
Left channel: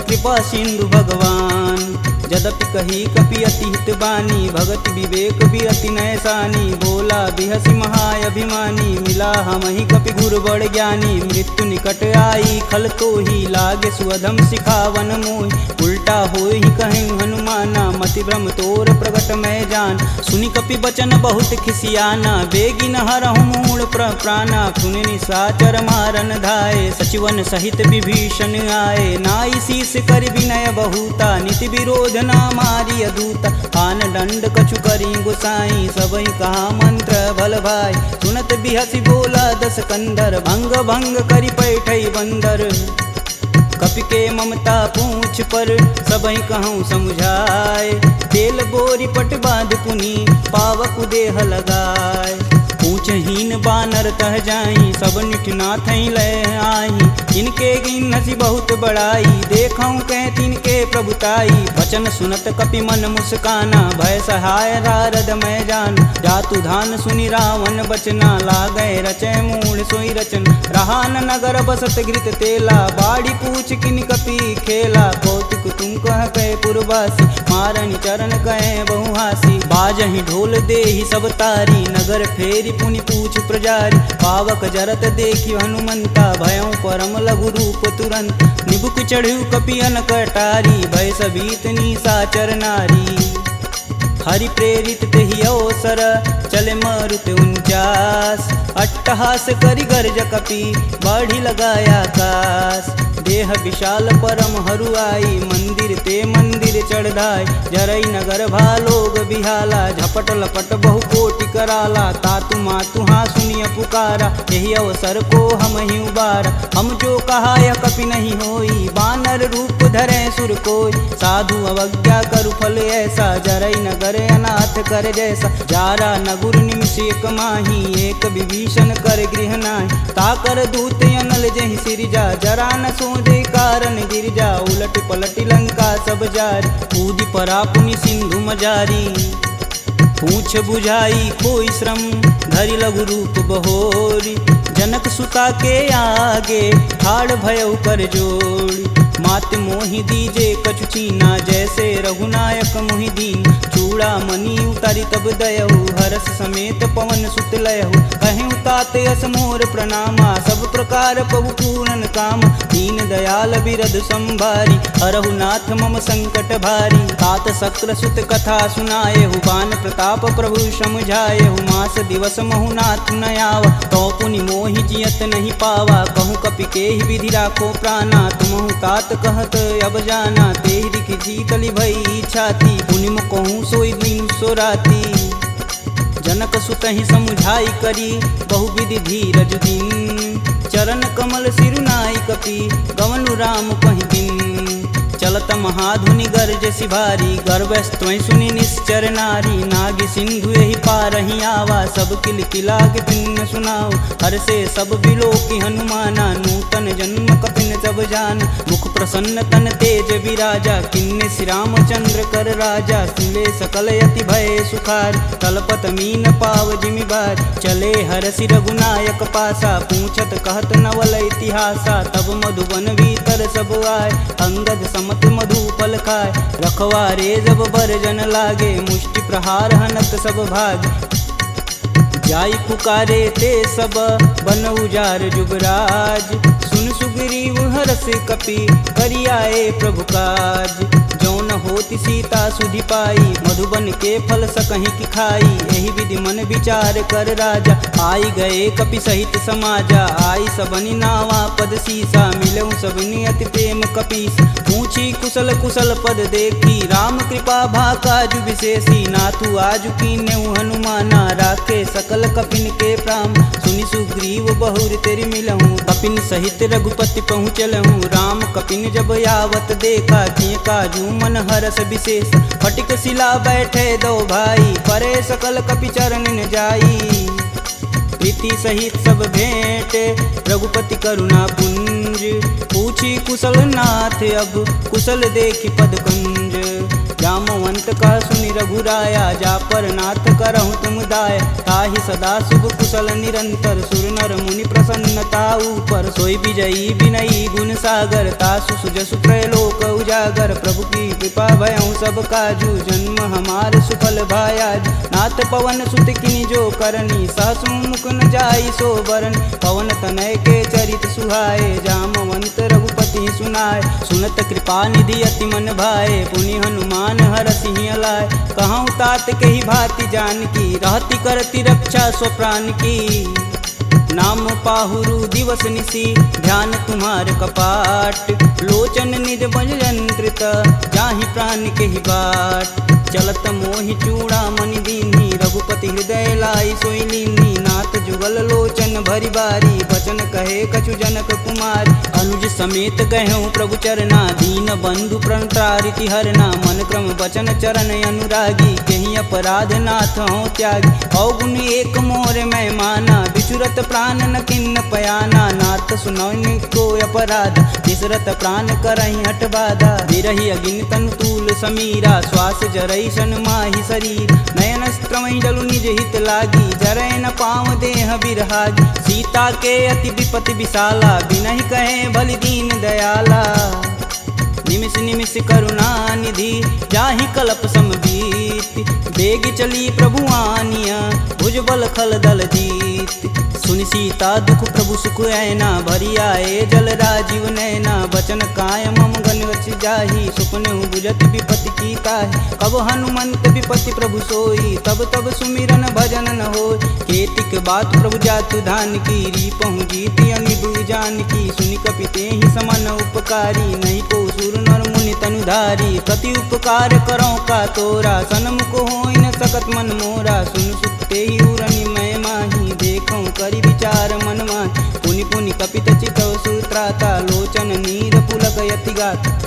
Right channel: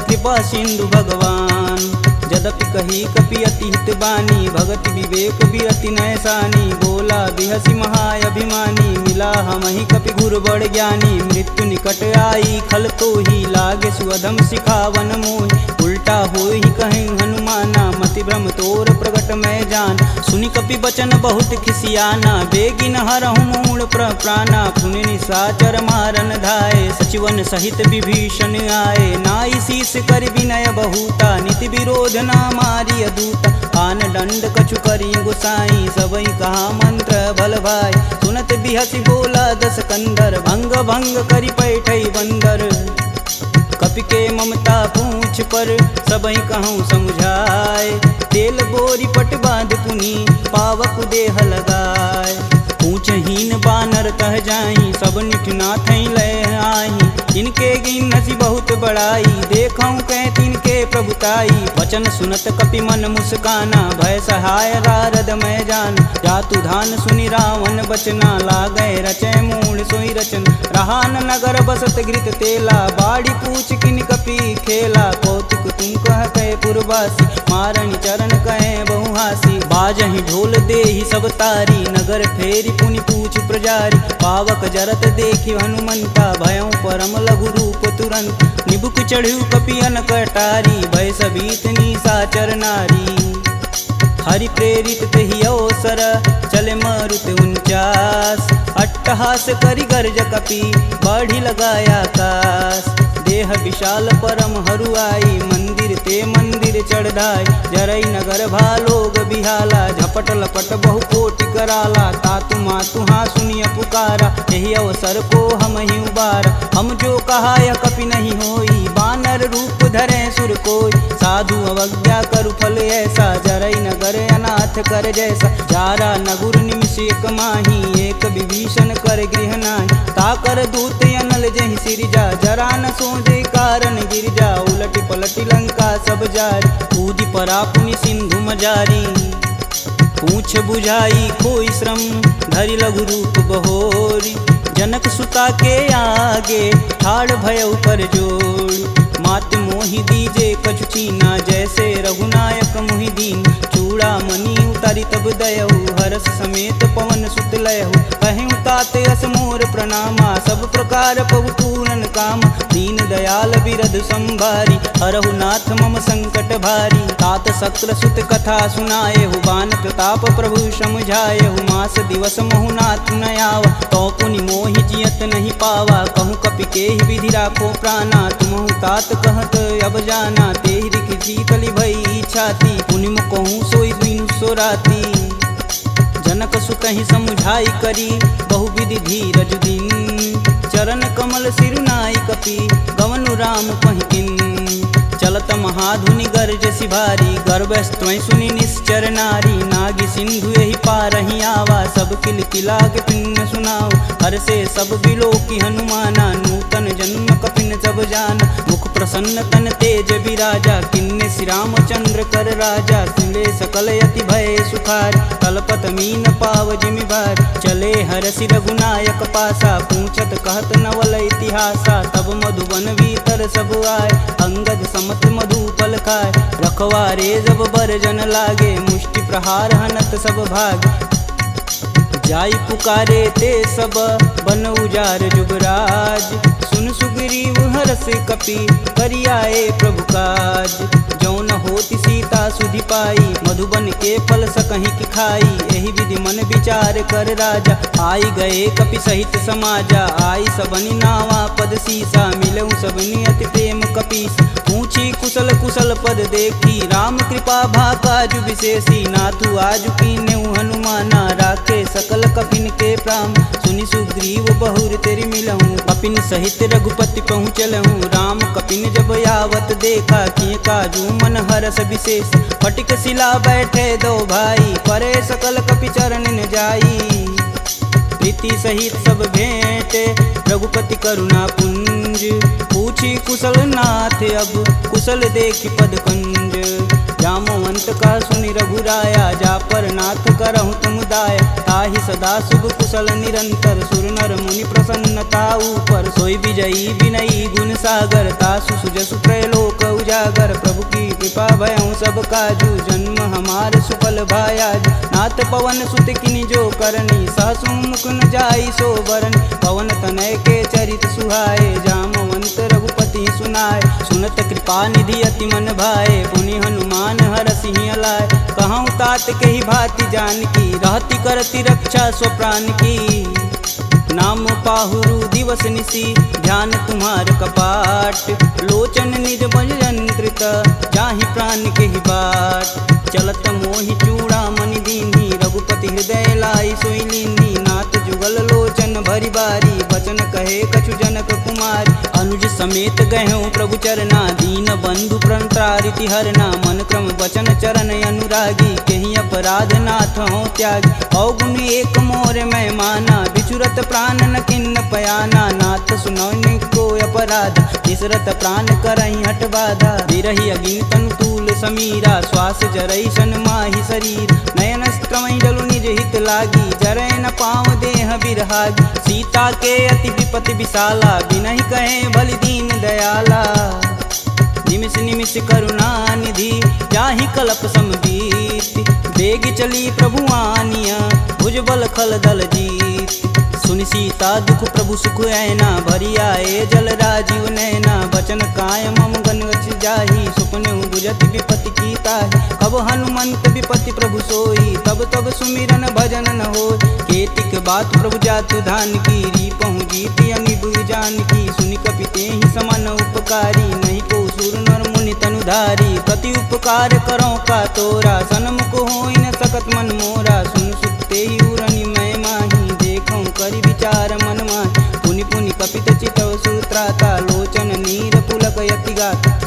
कृपा सिंधु भगवान। यद्यपि कही कपि अति हित बानी, भगति विवेक बिरति नैसानी। बोला बिहसी महाअभिमानी, मिला हमहि कपि गुरु बड़ ज्ञानी। मृत्यु निकट आई खल तो ही, लागे सुअधम सिखावन मोहि। उल्टा होई कहीं हनुमाना, मति भ्रम तोर प्रगट मैं जान। सुनि कपि बचन बहुत खिसियाना, बेगिन हरहु मूल प्राणा। पुनि निशाचर मारन धाये, सचिवन सहित विभीषण आए। नाई शीस कर विनय बहुता, नीति विरोध ना मारी अदूता। आन दंड कछु करी गुसाई, सबई कहा मंत्र भल भाई। सुनत बिहसी बोला दस कंदर, भंग भंग करि पैठई बंदर। कपि के ममता पूछ पर, सबई कहूँ समुझाए। तेल बोरी पट बांध पुनि, पावक देह लगाए। पूछहीन बानर तह जाही, सब निठना थई ले आही। इनके गिन हसी बहुत बड़ाई, देखऊँ कह तिनके प्रभुताई। वचन सुनत कपि मन मुस्काना, भय सहाय नारद मैं जान। जातु धान सुनि रावण बचना, लागय रचय मूल सोई रचन। रहा न नगर बसत घृत तेला, बाड़ी पूछ किन कपि खेला। कौतुक तुम कह कह पुरवासी, मारणी चरण कहे बहुहासी। बाजहि ढोल देहि सब तारी, नगर फेरी पुनि पूछ प्रजारी। पावक जरत देखि हनुमंता, भयं परम लघु रूप तुरंत। निबुक चढ़ु कपि अनक अटारी, भय सबीत निशाचर नारी। हरि प्रेरित तेहि अवसर, चले मरुत 49। अट्टहास करि गर्ज कपि, बाढ़ी लगाया आकाश। देह विशाल परम हरुआई, मंदिर ते मंदिर चढ़ाई। जरई नगर भालोग बिहाला, झपट लपट बहु कोटि कराला। तातु मातु हाँ सुनिय पुकारा, यही अवसर को हम ही उबारा। हम जो कहा यह कपि नहीं होई, बानर रूप धरे सुर कोई। साधु अवज्ञा करु फल ऐसा, जरई नगर अनाथ कर जैसा। जारा नगुर निमिष एक माही, एक विभीषण कर गृह नाही। ताकर दूत अनल जहि सिरजा, जरा न सोजे कारण गिरजा। उलट पलट लंका सब जारी, कूदि परा पुनि सिंधु मजारी। पूछ बुझाई खोई श्रम, धरि लघु रूप बहोरी। जनक सुता के आगे, ठाड़ भयउ कर जोड़ी। मात मोहि दीजे कछु चीना, जैसे रघुनायक मोहि दीन। चूड़ा मणि उतारी तब दयहु, हरस समेत पवन सुत लयहु। कहें तात अस मोर प्रणामा, सब प्रकार प्रभु पूरन काम। दीन दयाल बिरध संभारी, हरहु नाथ मम संकट भारी। तात शक्र सुत कथा सुनाएहु, बान प्रताप प्रभु समुझाएहु। मास दिवस महु नाथ न आवा, तो पुनि मोहि जियत नहीं पावा। कहूँ कपि केहि विधि राखो प्राणा, तुमहु तात कहत अब जाना। तेहि दिखि शीतली भई छाती, पुनि मुख कहूँ सोई दिन सो राती। जनक सुतहि समुझाई करी, बहुविधि धीरज दिन। चरण कमल सिरुनाई कपि, गवनु राम पहिकिन। चलत महाधुनि गर्ज सिभारी, गर्भस्त्वं सुनि निश्चर नारी। नागी सिंधु यही पारहि आवा, सब किल किला के पिन सुनाओ। हर से सब बिलोकी हनुमाना, नूतन जन्म कपिन सब जान। मुख प्रसन्न तन तेज विराजा, किन्ने श्री रामचंद्र कर राजा। सुले सकल यति भय सुखार, कलपत मीन पाव जिमि बार। चले हरसि रघुनायक पासा, पूछत कहत नवल इतिहासा। तब मधुबन भीतर सब आए, अंगद मत मधु फल खाए। रखवारे जब बरजन लागे, मुष्टि प्रहार हनत सब भाग। जाई पुकारे ते सब, बन उजार जुगराज। सुन सुग्रीव हरस कपि, करियाए प्रभु काज। जौन होति सीता सुधि पाई, मधुबन के फल सकहीं की खाई। यही विधि मन विचार कर राजा, आई गए कपि सहित समाजा। आई सबनि नावा पद सीसा, मिलऊँ सबनि अति प्रेम कपीस। पूछी कुशल कुशल पद देखी, राम कृपा भा काजु विशेषी। नाथु आजु कीन्हु हनुमाना, राखे सकल कपिन के प्राम। सुनि सुग्रीव बहुर तेरि मिलहूँ, कपिन सहित रघुपति पहुँचलहूँ। राम कपिन जब यावत देखा, किए काजू मन हरस विशेष। फटिक शिला बैठे दो भाई, परे सकल कपि चरण न जाई। प्रीति सहित सब भेंट, रघुपति करुणा पुंज, पूछी कुशल नाथ अब कुशल देखी पद कंज। जामवंत कह सुनि रघुराया, जा पर नाथ करहु तुम दाया। ताहि सदा शुभ कुशल निरंतर, सुर नर मुनि प्रसन्नता ऊपर। सोई विजयी विनयी गुण सागर, तासु सुजसु त्रैलोक उजागर। प्रभु की कृपा भयउ सब काजू, जन्म हमार सुफल भायाज। नाथ पवन सुत किनि जो करनी, सहसु मुख न जाई सो बरन। पवन तनय के चरित सुहाए, जामवंत रघुपति सुनाए। सुनत कृपा निधि अति मन भाए, पुनि हनुमान हर सिंह लाए। कहूँ तात के ही भांति जानकी, रहती करती रक्षा स्वप्राण की। नाम पाहुरु दिवस निसी, ध्यान तुम्हार कपाट। लोचन निज बज यंत्रित, जाहि प्राण के ही बाट। चलत मोहि चूड़ा मणि दीन्ही, रघुपति हृदय लाई सोई लीन्ही। नाथ जुगल लोचन भरी बारी, बचन कहे कछु जनक कुमार। अनुज समेत गहूँ प्रभु चरना, दीन बंधु प्रणतारिति हरना। मन क्रम वचन चरण अनुरागी, कहीं अपराध नाथ हो त्यागी। अवगुण एक मोर मैं माना, बिचुरत प्राण न किन्न पयाना। नाथ सुनौनि को अपराध, तिसरत प्राण करहि हठ बाधा। बिरहि अगिन तनु तूल समीरा, श्वास जरई सन माहि शरीर। नयन स्त्रमहि जलु निज हित लागी, जरै न पाँव देह बिरहागी। सीता के अति विपति विशाला, बिनहि कहे भलि दीन दयाला। निमिष निमिष करुणा निधि, जाहि कलप समबीत। बेग चली प्रभु आनिया, भुजबल खल दल जीत। सुनि सीता दुख प्रभु सुख ऐना, भरी आए जल राजीव नैना। बचन काय मम गन गच जाहि, सुपने बुझत विपति की ताहि। कब हनुमंत विपति प्रभु सोई, तब तब सुमिरन भजन न होय। केतिक बात प्रभु जातु धान की, रीपहु जीति अनिबु जान की। सुनि कपिते ही समन उपकारी, नहीं को सुर नर मुनि तनुधारी। प्रति उपकार करो का तोरा, सन्मुख होई न सकत मन मोरा। सुन सुते ही उरनि मैं माही, देखऊँ करि विचार मन माहि। पुनि पुनि कपित चितव सुत्राता, लोचन नीर पुलक यति गाता।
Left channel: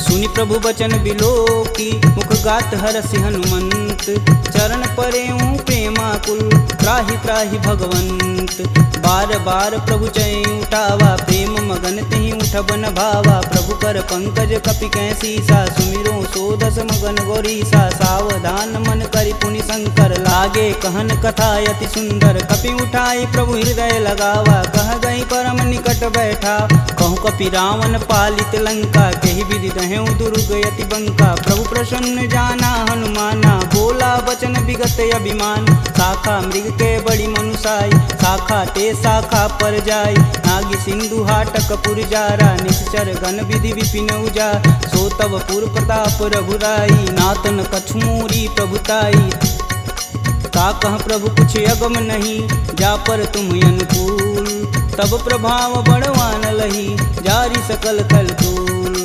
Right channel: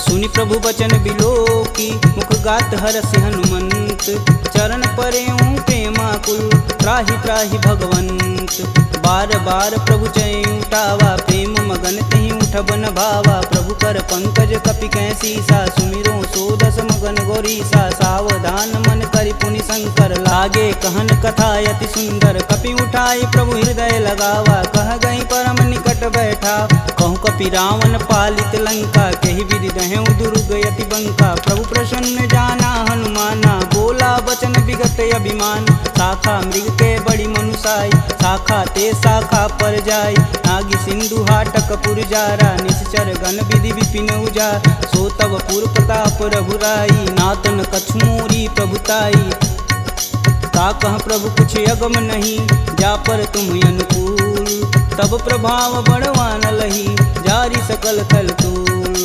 सुनि प्रभु बचन बिलोकी, मुख गात हरसि हनुमंत। चरण परेऊँ प्रेमाकुल, त्राहि त्राहि भगवंत। बार बार प्रभु चै उठावा, प्रेम मगन तेहि उठब न भावा। प्रभु कर पंकज कपि कै सीसा, सुमिरो सो दस मगन गौरीसा। सावधान मन करि पुनि शंकर, लागे कहन कथा यति सुंदर। कपि उठाई प्रभु हृदय लगावा, कह गई परम निकट बैठा। कहूँ कपि रावण पालित लंका, केहि विधि दहें दुर्ग यति बंका। प्रभु प्रसन्न जाना हनुमाना, बोला वचन विगत अभिमान। शाखा मृग के बड़ी मनुसाई, शाखा ते शाखा पर जाई। नागी सिंधु हाटक पुरजारा, निश्चर गण विधि विपिन उजा। सो तब पुर प्रताप रघुराई, नातन कछु मोरी प्रभुताई। ता कह प्रभु कुछ अगम नहीं, जा पर तुम अनुकूल। तब प्रभाव बड़वान लही, जारी सकल थल तूल।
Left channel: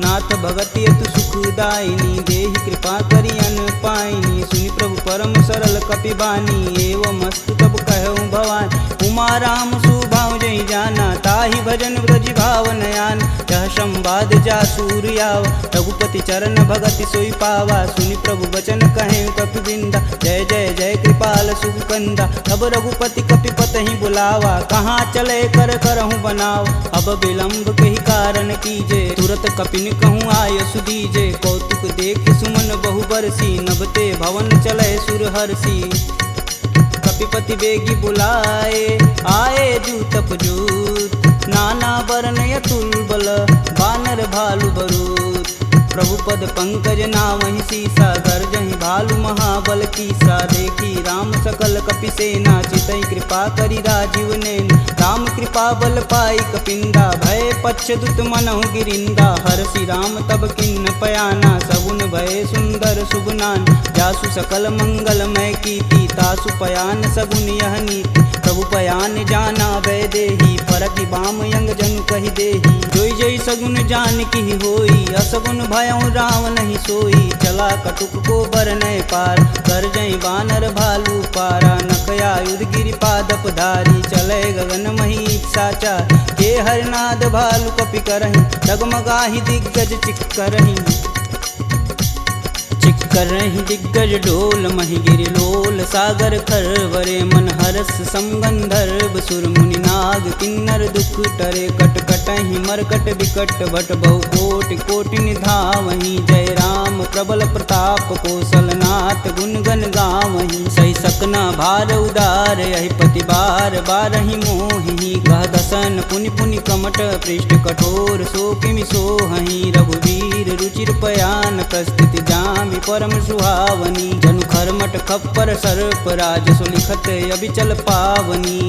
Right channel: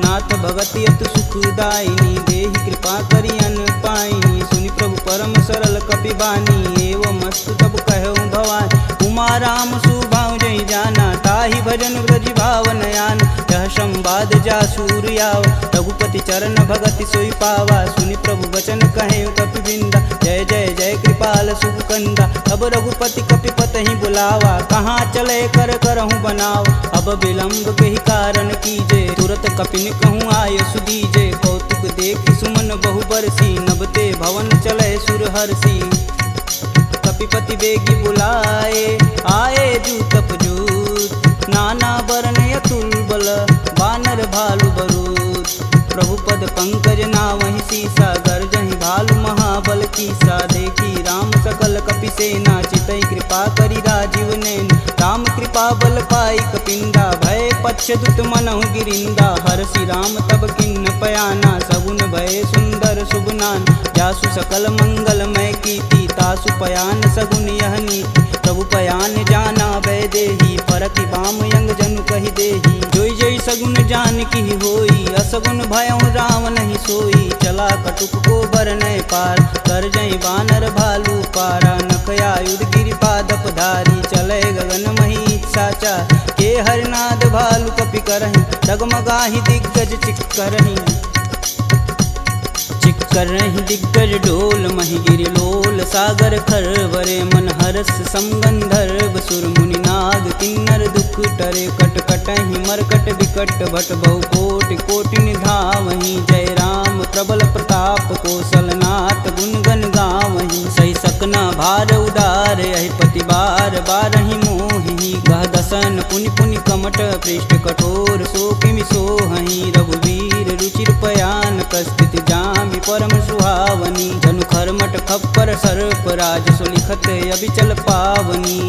नाथ भगति अतु सुखदायिनी, देहि कृपा करि अन पाइनी। सुनि प्रभु परम सरल कपि बानी, एवं अस्तु तब कहऊँ भवानी। उमा राम सुभाव जहि जाना, ताहि भजन ब्रज भाव नयान। यह संवाद जासूर याव, रघुपति चरण भगति सोई पावा। सुनि प्रभु वचन कहें कपि बिंदा, जय जय जय कृपाल सुख कंदा। तब रघुपति कपि पतहि बुलावा, कहाँ चले कर करहूँ बनाव। अब विलंब के ही कारण कीजे, तुरत कपिन कहूँ आय सुदीजे। कौतुक देखि सुमन बहु बरसी, नभते भवन चले सुर हर्षि। कपिपति बेगी बुलाए, आए जूतप जूत। नाना वर्ण अतुल बल, बानर भालु बरूत। प्रभु पद पंकज नावहि सीसा, गर्जहि भालु महाबल कीसा। देखी राम सकल कपि सेना, चितई कृपा करि राजीव नैन। राम कृपा बल पाई कपिंदा, भय पक्ष दुत मनहु गिरिंदा। हरषि राम तब किन्न पयाना, सगुन भय सुंदर शुभनान। जासु सकल मंगलमय कीर्ति, तासु पयान सगुन यह नीति। प्रभु पयान जाना भय देही, फरकि बाम यंग जनु कहि देही। जोई जोई सगुन जान की होई, असगुन भयउ राम नहीं सोई। चला कटुक को बरनय पार, कर जई बानर भालू पारा। नख आयुध गिरिपादप धारी, चले गगन मही साचा। के हरनाद भालू कपि करहि, डगमगाहि दिग्गज चिक्करहि। कर रही दिग्गज डोल मही गिरि लोल सागर खरवरे मन हरस समगंधर्व सुर मुनि नाग किन्नर दुख टरे कट कटहि मरकट विकट भट बहु कोटि कोटि निधावहि जय राम प्रबल प्रताप कौशलनाथ गुण गण गावहि सही सकना भार उदार यही पति बार बारहि मोहि गह दसन पुनि पुनि कमट पृष्ठ कठोर सो किमि सोहहि रघुवीर रुचिर पयान प्रस्थित जामि परम सुहावनी जनु खरमट खप्पर सर्प राज सुलिखत अबिचल पावनी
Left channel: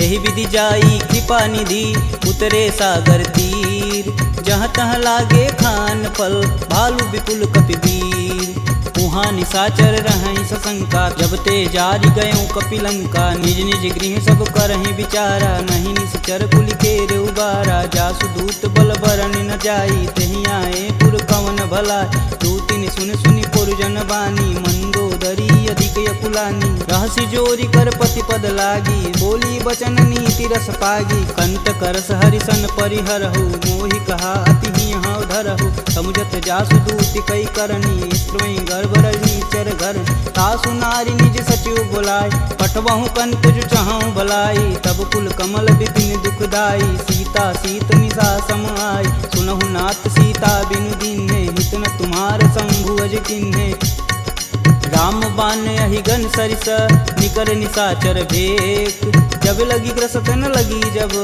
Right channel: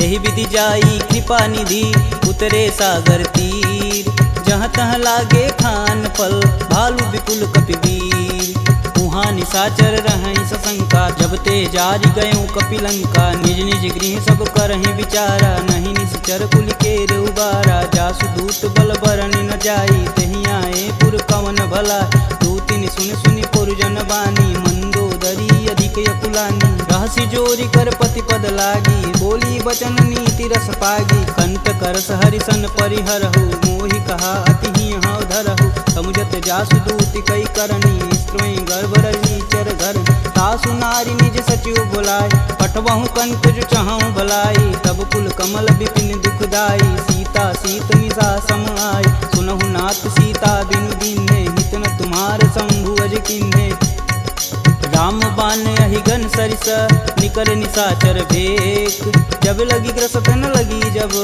यही विधि जाई कृपा निधि उतरे सागर तीर जहाँ तहाँ लागे खान फल भालू विपुल कपिवीर उहाँ निशाचर रहहि सशंका जब ते जारी गयों कपिलंका निज निज गृह सब करहि विचारा नहीं निश्चर कुल के उबारा जासु दूत बल बरनि न जाई तेहि आए पुर कवन भला दूतिन सुन सुनि पुरजन बानी मंदोदरी अधिक यकुलानी रहसि जोरी कर पति पद लागी बोली बचन नीति रस पागी कंत करस हरिसन परिहरहु मोहि कहा अति ही हव धरहु समुझत जासु दूति कई करनी स्त्रोई गर्भ रजनीचर घर तासु नारी निज सचिव बुलाय पठबहु कंत जो चाहूं भलाई तब कुल कमल विपिन दुखदाई सीता सीत निशा सम आय सुनहु नाथ सीता बिनु दीन्हे हित न तुम्हार शंभु अज किन्हे राम बान अहि घन सरिस निकर निशाचर भेक जब लगी ग्रसत न लगी जब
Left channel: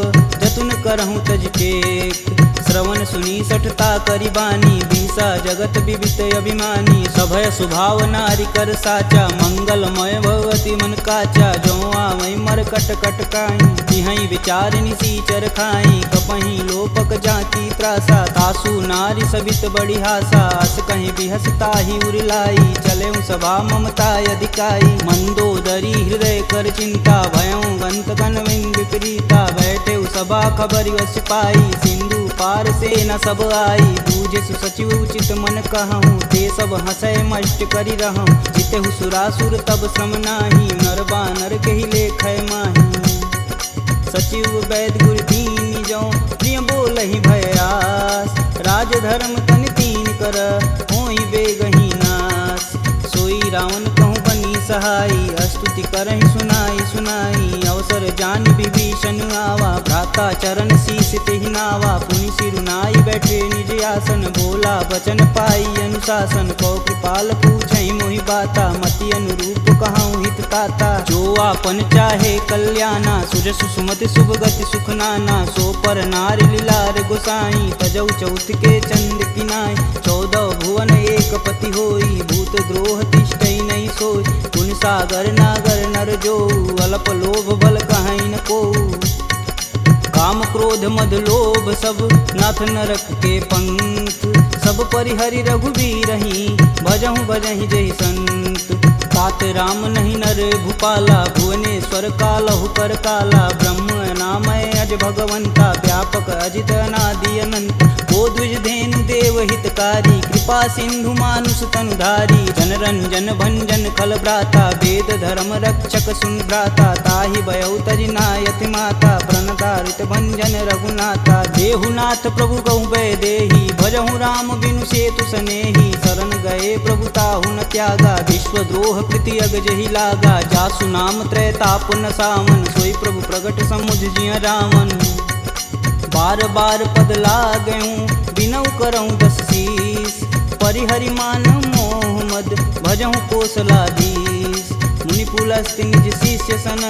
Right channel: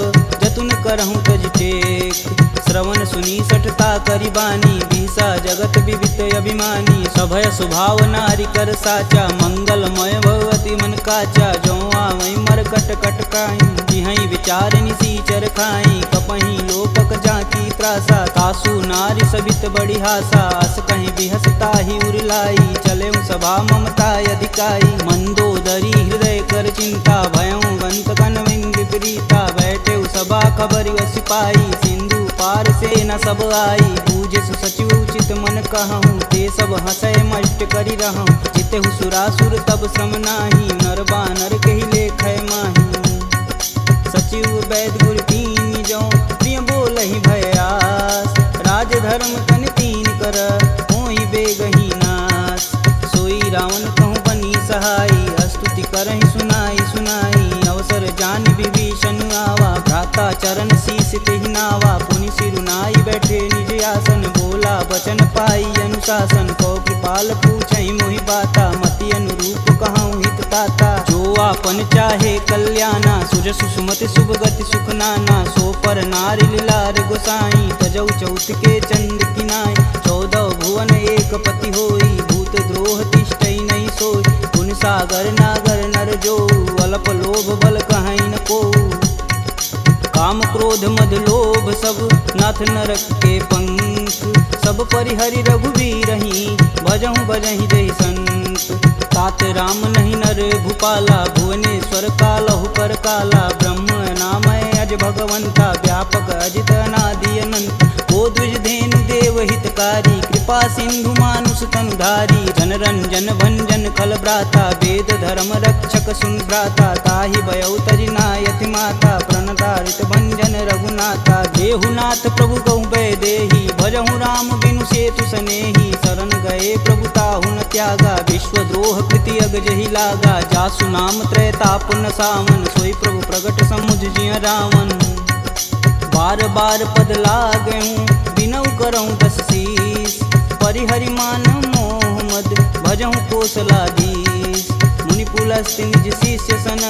जतुन करहूँ तज टेक श्रवण सुनी सठता करी बानी बिहसा जगत विवित अभिमानी सभय सुभाव नारी कर साचा मंगलमय भगवती मन काचा जो आवई मर कट कट काई तिहई विचार निसीचर खाई कपही लोपक जाकी त्रासा तासु नारी सबित बड़ी हासा अस कहीं बिहसता ही उरलाई चले सभा ममता अधिकाई मंदोदरी हृदय कर चिंता भयों गंत कन विपरीता बैठे सभा खबर सिपाही सिंधु पार से न सब आई बूझे सुसचिव उचित मन कहूँ ते सब हंसय मष्ट करी रहूँ जिते सुरासुर तब श्रम नाही नर बानर के ही लेख माही सचिव वैद गुरु तीन जो प्रिय बोल ही भयास राज धर्म तन तीन कर होई बेगही नास सोई रावण कहूँ बनी सहाई अस्तुति करहि सुनाई सुनाई अवसर जान विभीषण आवा भ्राता चरण शीस तेहि नावा पुनि सिरुनाई बैठे निज आसन बोला बचन पाई अनुशासन कौ कृपाल पूछहि मोहि बाता मति अनुरूप कहूँ हित ताता जो आपन चाहे कल्याणा सुजसु सुमति शुभ गति सुख नाना सो पर नारी लीलार गोसाई तजौ चौथ के चंद किनाय 14 भुवन एक पति होई भूत द्रोह तिष्ठई नहीं सोई गुण सागर नागर नर जो अल्प लोभ बल कहीं न को काम क्रोध मद लोभ सब नाथ नरक के पंख सब परिहरि रघुवीरहि भजहु भजहि जहि संत तात राम नहीं नर भूपाला भुवनेश्वर कालहु कर काला ब्रह्म नामय अज भगवंता व्यापक अजित अनादि अनंत को द्विज धेनु देव हितकारी कृपा सिंधु मानुष तनुधारी जन रंजन भंजन खल भ्राता वेद धर्म रक्षक सुन भ्राता ताहि भयउ तजि नायति माता प्रणतारित भंजन रघुनाथा देहुनाथ प्रभु गहु भय देहि भजहु राम बिनु सेतु सनेहि शरण गए प्रभु ताहु न त्यागा विश्वद्रोह कृति अग जहि लागा जासु नाम त्रैताप न सावन सोई प्रभु प्रगट समुझ जिय रावण बार बार पद लागऊं बिनऊ करऊं 10 शीस परिहरि मान मोह मद भजहु कौशलाधीश मुनि पुलस्त्य निज शिष्य सन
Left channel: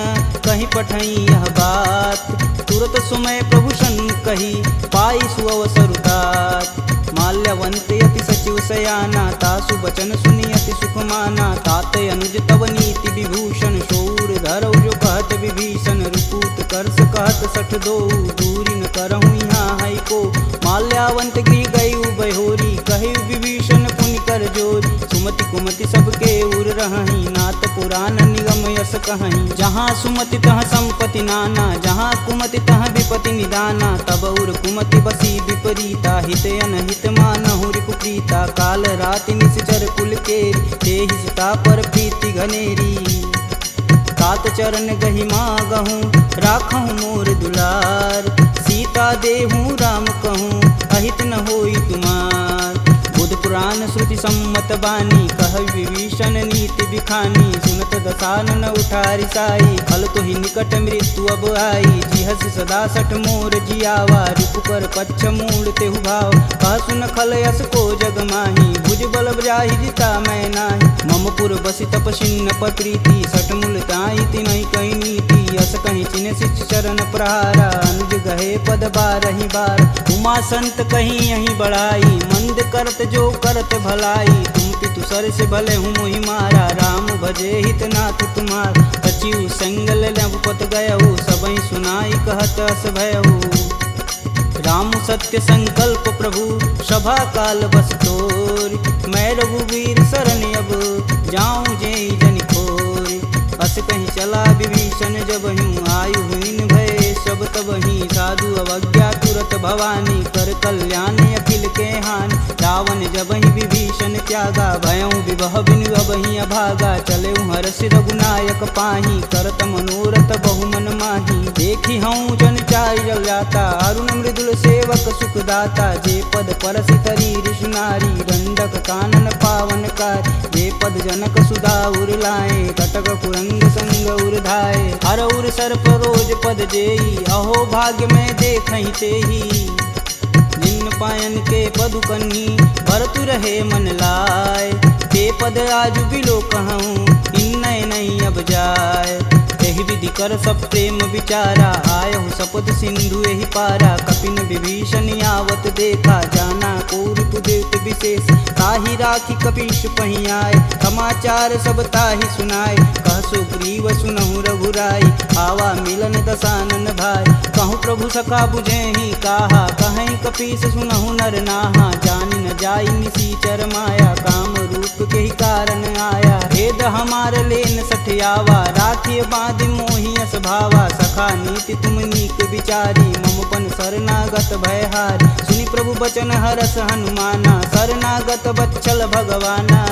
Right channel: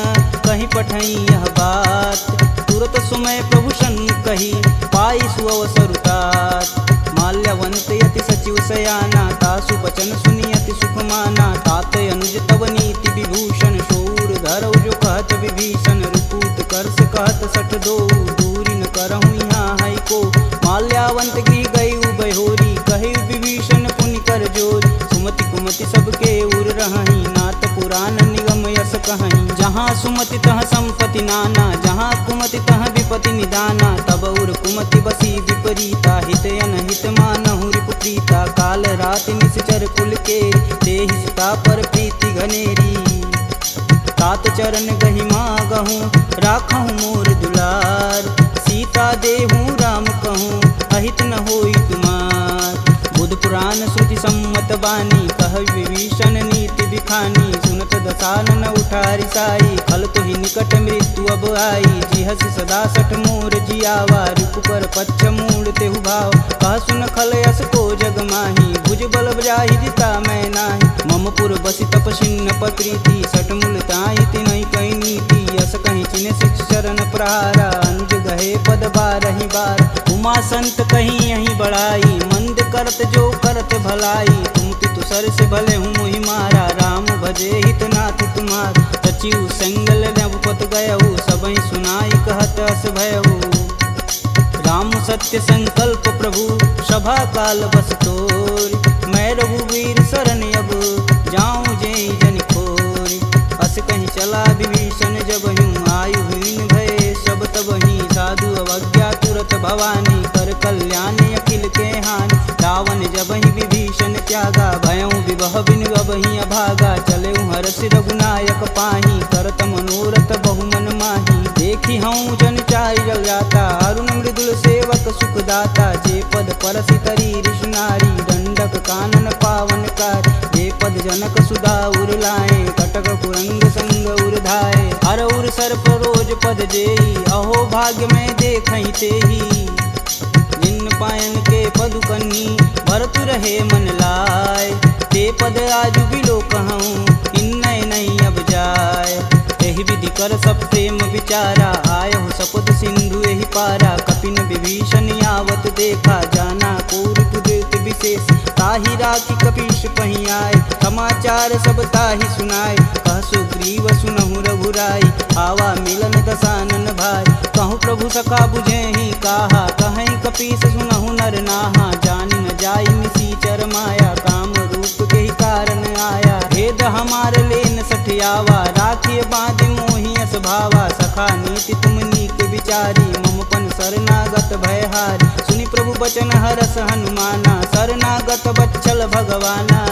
कहीं पठई यह बात तुरत सुमय प्रभु सन कही पाई सुअवसरुतात माल्यवंत यति सचिव सयाना तासु बचन सुनी अति सुख माना तात अनुज तव नीति विभूषण शौर धरऊ जो कहत विभीषण रुपूत करस कहत सठ दो दूरी न करहूँ यहाँ है को माल्यावंत गृह गई बहोरी कहे विभीषण पुनि कर जोरी सुमति कुमति सबके उर रही नाथ पुराण निगम यस कहीं जहाँ सुमति तह संपत्ति नाना जहाँ कुमति तह विपति निदाना तब उर कुमति बसी विपरीता हित अनहित मानहु रिपु प्रीता काल रात निश्चर कुल केरी तेहि सीता पर प्रीति घनेरी तात चरण गहि मागहूँ राखहूँ मोर दुलार सीता देहूँ राम कहूँ अहित न होई तुमार बुध पुराण श्रुति सम्मत बानी, कह विभीषण नीति बिखानी। सुनत दसानन उठारी साई, खल तो ही निकट मृत्यु अब आई। जिहसि सदा सठ मोर जियावा, रिपुकर पच्छ मूड तेहु भाव। कह सुन खल यस को जग माही, भुज बल जाहि जिता मैं नाही। मम पुर बसि तपसिन्न पर प्रीति, सठ मूल ताहि तिनहि कहि नीति। यस कहि चिन्ह शिष्य चरण प्रहारा, अनुज गहे पद बारहि बार। उमा संत कहीं यहीं बढ़ाई, मंद करत जो करत भलाई। तुम पितु सर से भले हूँ मोहि मारा, राम भजे हितनाथ तुम्हार। सचिव संगल नवपत गयहु, सबहि सुनाई कहत अस भयहु। राम सत्य संकल्प प्रभु, सभा काल बस तोरि। मैं रघुवीर शरण अब, जाऊं जेहि जनि खोरि। अस कहीं चला विभीषण जब हूँ, आयुहीन भय सब तब ही। साधु अवज्ञा तुरत भवानी, कर कल्याण अखिल के हानि। रावण जब ही विभीषण त्यागा, भयऊ विवह बिनु अब ही अभागा। चले हरषि रघुनायक पाही, करत मनोरथ बहुमन माही। देखी हूँ जन चारि जल जाता, अरुण मृदुल सेवक सुखदाता। जे पद परसि तरी ऋषुनारी, दंडक कानन पावन कार। जे पद जनक सुधा उर लाए, कटक कुरंग संग उर्धाए। हर उर सर्प रोज पद जेई, अहो भाग्य में देखहि तेहि। जिन पायन के पदु कन्ही, भरतु रहे मन लाय। ते पद आजु बिलो कहूँ, इन्नय नहीं अब जाय। एहि विधि कर सब प्रेम विचारा, आयहु सपद सिंधु एहि पारा। कपिन विभीषण आवत देखा, जाना कौरपुदेत विशेष। ताहि राखी कपीश पही आए, समाचार सब ताहि सुनाए। कह सुग्रीव सुनहु रघुराई, आवा मिलन दसानन भाई। कहूँ प्रभु सखा बुझेहि काहा, कहीं कपीस सुनहु नर नाहा। जानि न जाई निसीचर माया, काम रूप के ही कारण आया। भेद हमार लेन सठियावा, राखिय बांधि मोहि यस भावा। सखा नीति तुम नीक विचारी, मम पन शरणागत भयहारी। सुनि प्रभु बचन हरस हनुमाना, शरणागत बच्चल भगवाना।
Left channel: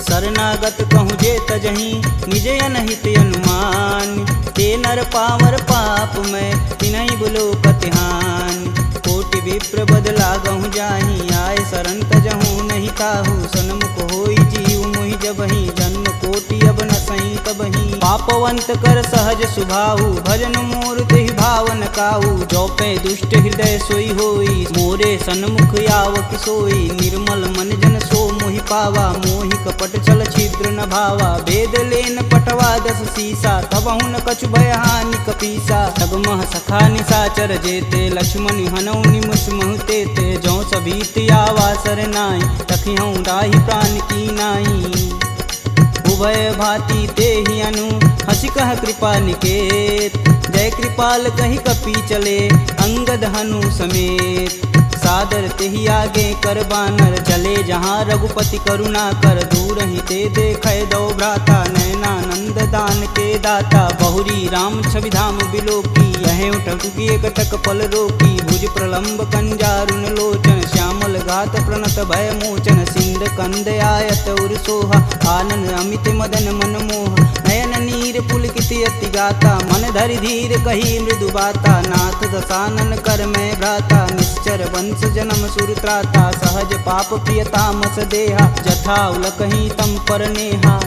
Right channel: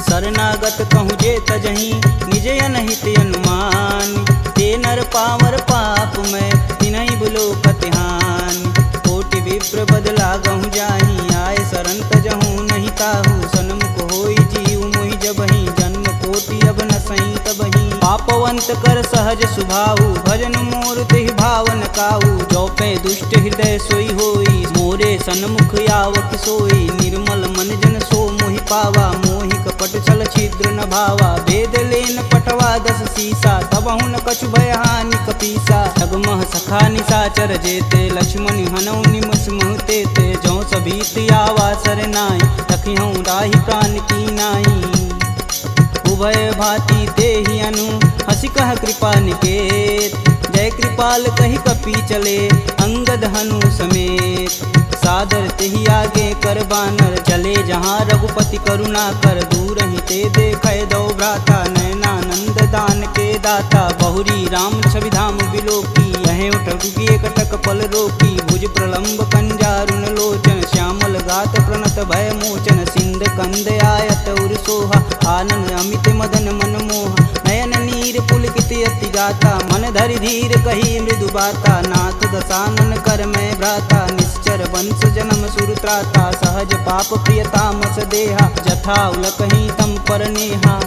शरणागत कहूँ जे तजहि, निज अनहित अनुमान। ते नर पावर पाप में, तिन्हि बुलो कतिहान। कोटि विप्र बदला गहु जाहि, आए शरण तजहु नहीं ताहु। सन्मुख होई जीव मोहि जबहि, जन्म कोटि अब न सही तबहि। पापवंत कर सहज सुभाहु, भजन मोर तेहि भावन काहू। जो पे दुष्ट हृदय सोई होई, मोरे सन्मुख आव किसोई। निर्मल मन जन सो मोहि पावा, मोहि कपट छल छिद्र न भावा। भेद लेन पटवा दस सीसा, तबहु न कछु भय हानि कपीसा। जगमह सखा निशाचर जेते, लक्ष्मण हनौ निमुष महुते ते। जो सभीत आवा सरनाई, रखिहूँ राहि प्राण की नाई। उभय भांति ते ही अनु, हसी कह कृपा निकेत। जय कृपाल कही कपी चले, अंगद हनु समेत। सादर तेहि आगे कर बानर, चले जहाँ रघुपति करुणा कर। दूर ही ते देखे दो भ्राता, नयनानंद दान के दाता। बहुरी राम छवि धाम बिलोकी, यह उठुकी कटक पल रोकी। भुज प्रलंब कंजारुन लोचन, श्यामल गात प्रणत भय मोचन। सिंध कंद आयत उर सोहा, आनन अमित मदन मन मोह। नयन नीर पुलकित अति गाता, मन धरि धीर कही मृदु बाता। नाथ दसानन कर मैं भ्राता, निश्चर वंश जन्म सुरत्राता। सहज पाप प्रियतामस देहा, जथा उलकहि तम पर नेहा।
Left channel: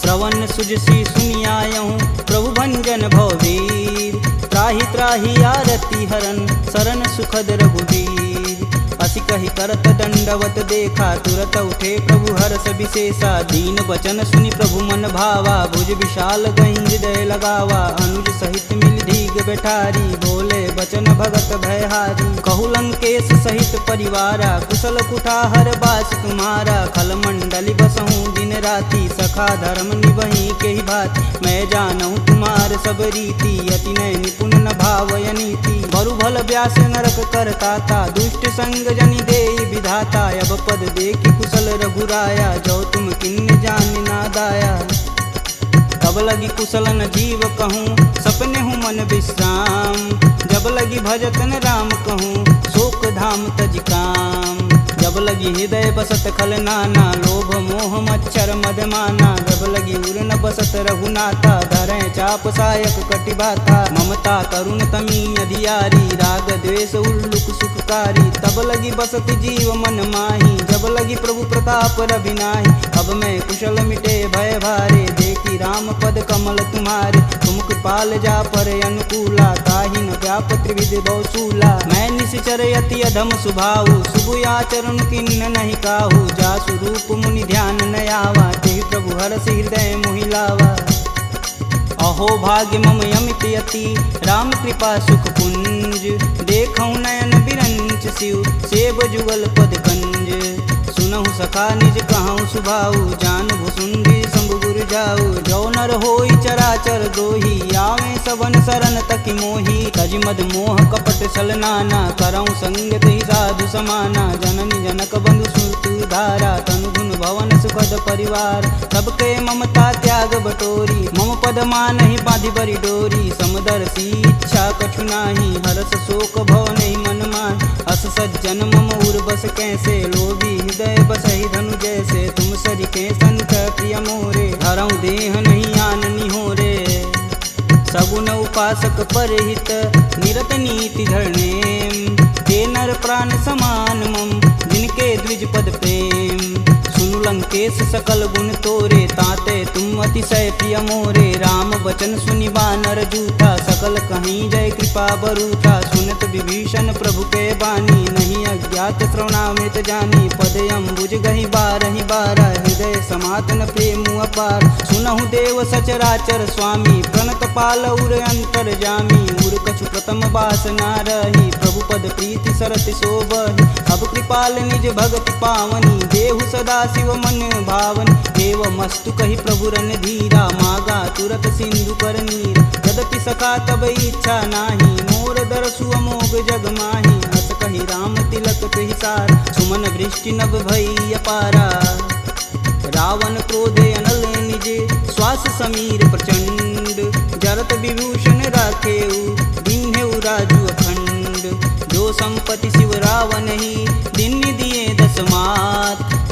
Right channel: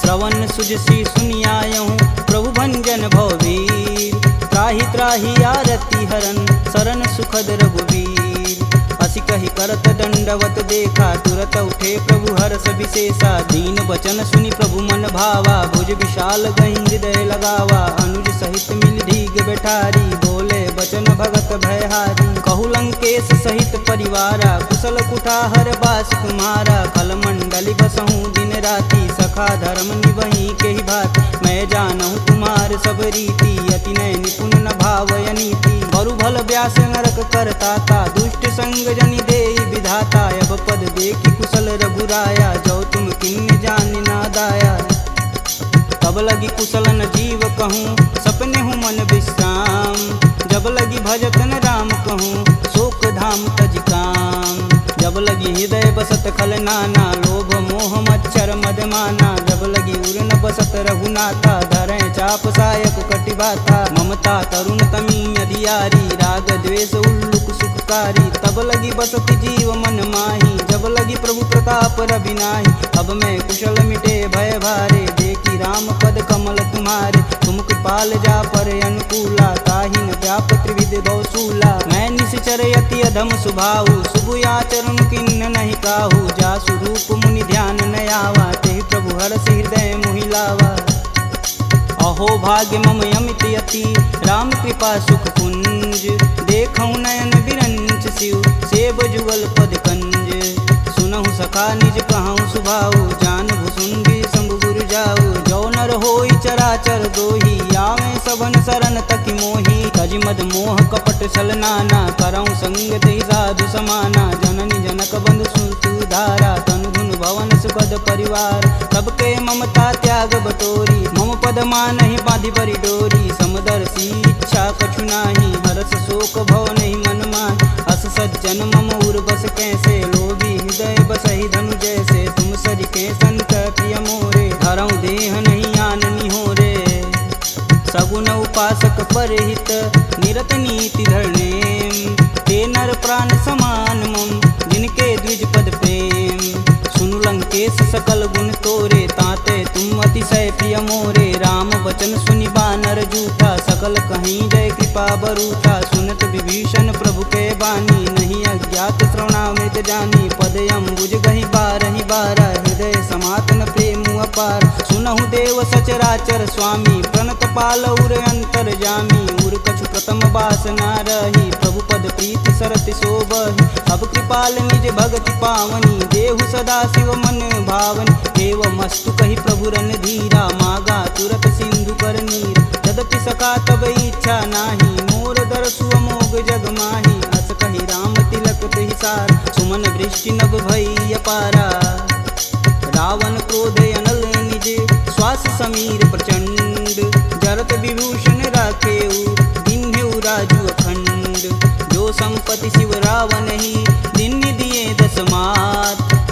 श्रवण सुजसी सुनियायहु, प्रभु भंजन भववीर। त्राहि त्राहि आरती हरन, शरण सुखद रघुवीर। असी कही करत दंडवत देखा, तुरत उठे प्रभु हर्ष विशेषा। दीन बचन सुनि प्रभु मन भावा, भुज विशाल गहि हृदय लगावा। अनुज सहित मिल धीग बैठारी, बोले बचन भगत भयहारी। कहु लंकेश सहित परिवारा, कुशल कुठाहर बास तुम्हारा। खल मंडली बसहूँ दिन राति, सखा धर्म निभहि के ही भात। मैं जानहु तुम्हार सब रीति, अति नय निपुण न भावय नीति। बरु भल व्यास नरक करताता, दुष्ट संग जनि देई विधाता। अब पद देखि कुशल रघुराया, जो तुम किन्ने जान ना दाया। तब लगी कुशल न जीव कहूँ, सपने हूँ मन विश्राम। जब लगी भजतन राम कहूँ, शोक धाम तज काम। जब लगी हृदय बसत खल नाना, लोभ मोह मच्छर मदमाना। जब लगी उर न बसत रघुनाथा, धरें चाप सायक कटिबाथा। ममता तरुण तमी अधियारी, राग द्वेष उल्लुक सुखकारी। तब लगी बसत जीव मन माही, जब लगी प्रभु प्रताप रविनाही। अब मैं कुशल मिटे भय भारे, देखी राम पद कमल तुम्हारे। तुम कृपाल जा पर अनुकूला, ताहि न व्याप त्रिविध बहुसूला। मैं निश्चर यति अधम सुभाऊ, शुभ आचरण किन्न नहीं काहू। जा स्वरूप मुनि ध्यान न आवा, तेहि प्रभु हरष हृदय मोहि लावा। अहो भाग्य मम यमित यति, राम कृपा सुख कुंज। देखऊँ नयन बिरंच शिव, सेब जुगल पद कंज। सुनहु सखा निज कहूँ सुभाऊ, जान भुसुंडी शंभु गुरु जाऊ। जो नर होई चराचर द्रोही, आवे सबन शरण तकि मोही। तज मद मोह कपट छल नाना, करऊँ संग तेहि साधु समाना। जननी जनक बंधु सुत धारा, तनु धुन भवन सुखद परिवार। सबके ममता त्याग बटोरी, मम पद मानहि बांधि बरी डोरी। समदर्शी इच्छा कछु नाही, हरस शोक भव नहीं मन माहि। अस सज्जन मम उर बस कैसे, लोभी हृदय बसहि धनु जैसे। तुम सरिके संत प्रिय मोरे, धरऊँ देह नहीं आननी हो रे। सगुन उपासक परहित, निरत नीति धरणेम। ते नर प्राण समान मम, जिनके द्विज पद प्रेम। सुनु लंकेश सकल गुण तोरे, ताते तुम अतिशय प्रिय मोरे। राम बचन सुनि बानर जूथा, सकल कहीं जय कृपा बरूथा। सुनत विभीषण प्रभु के बानी, नहीं अज्ञात श्रवणामृत जानी। पद अम्बुज गहि बारहि बारा, हृदय समातन प्रेम अपार। सुनहु देव सचराचर स्वामी, प्रणत पाल उर अंतर जामी। उर कछु प्रथम बास ना रही, प्रभु पद प्रीति सरति शोभहि। अब कृपाल निज भगति पावनी, देहु सदा शिव मन भावनी। एवं मस्तु कही प्रभु रन धीरा, मागा तुरत सिंधु कर नीर। यद्यपि सखा तब इच्छा नाही, मोर दरसु अमोघ जग माही। अस कही राम तिलक तुहि सार, सुमन वृष्टि नभ भई अपारा। रावण क्रोधे अनल निज, श्वास समीर प्रचंड। जरत विभूषण राखेऊ, दीन्हेऊ राजु अखंड। जो संपत्ति शिव रावण ही, दीन्य दिए दस मात।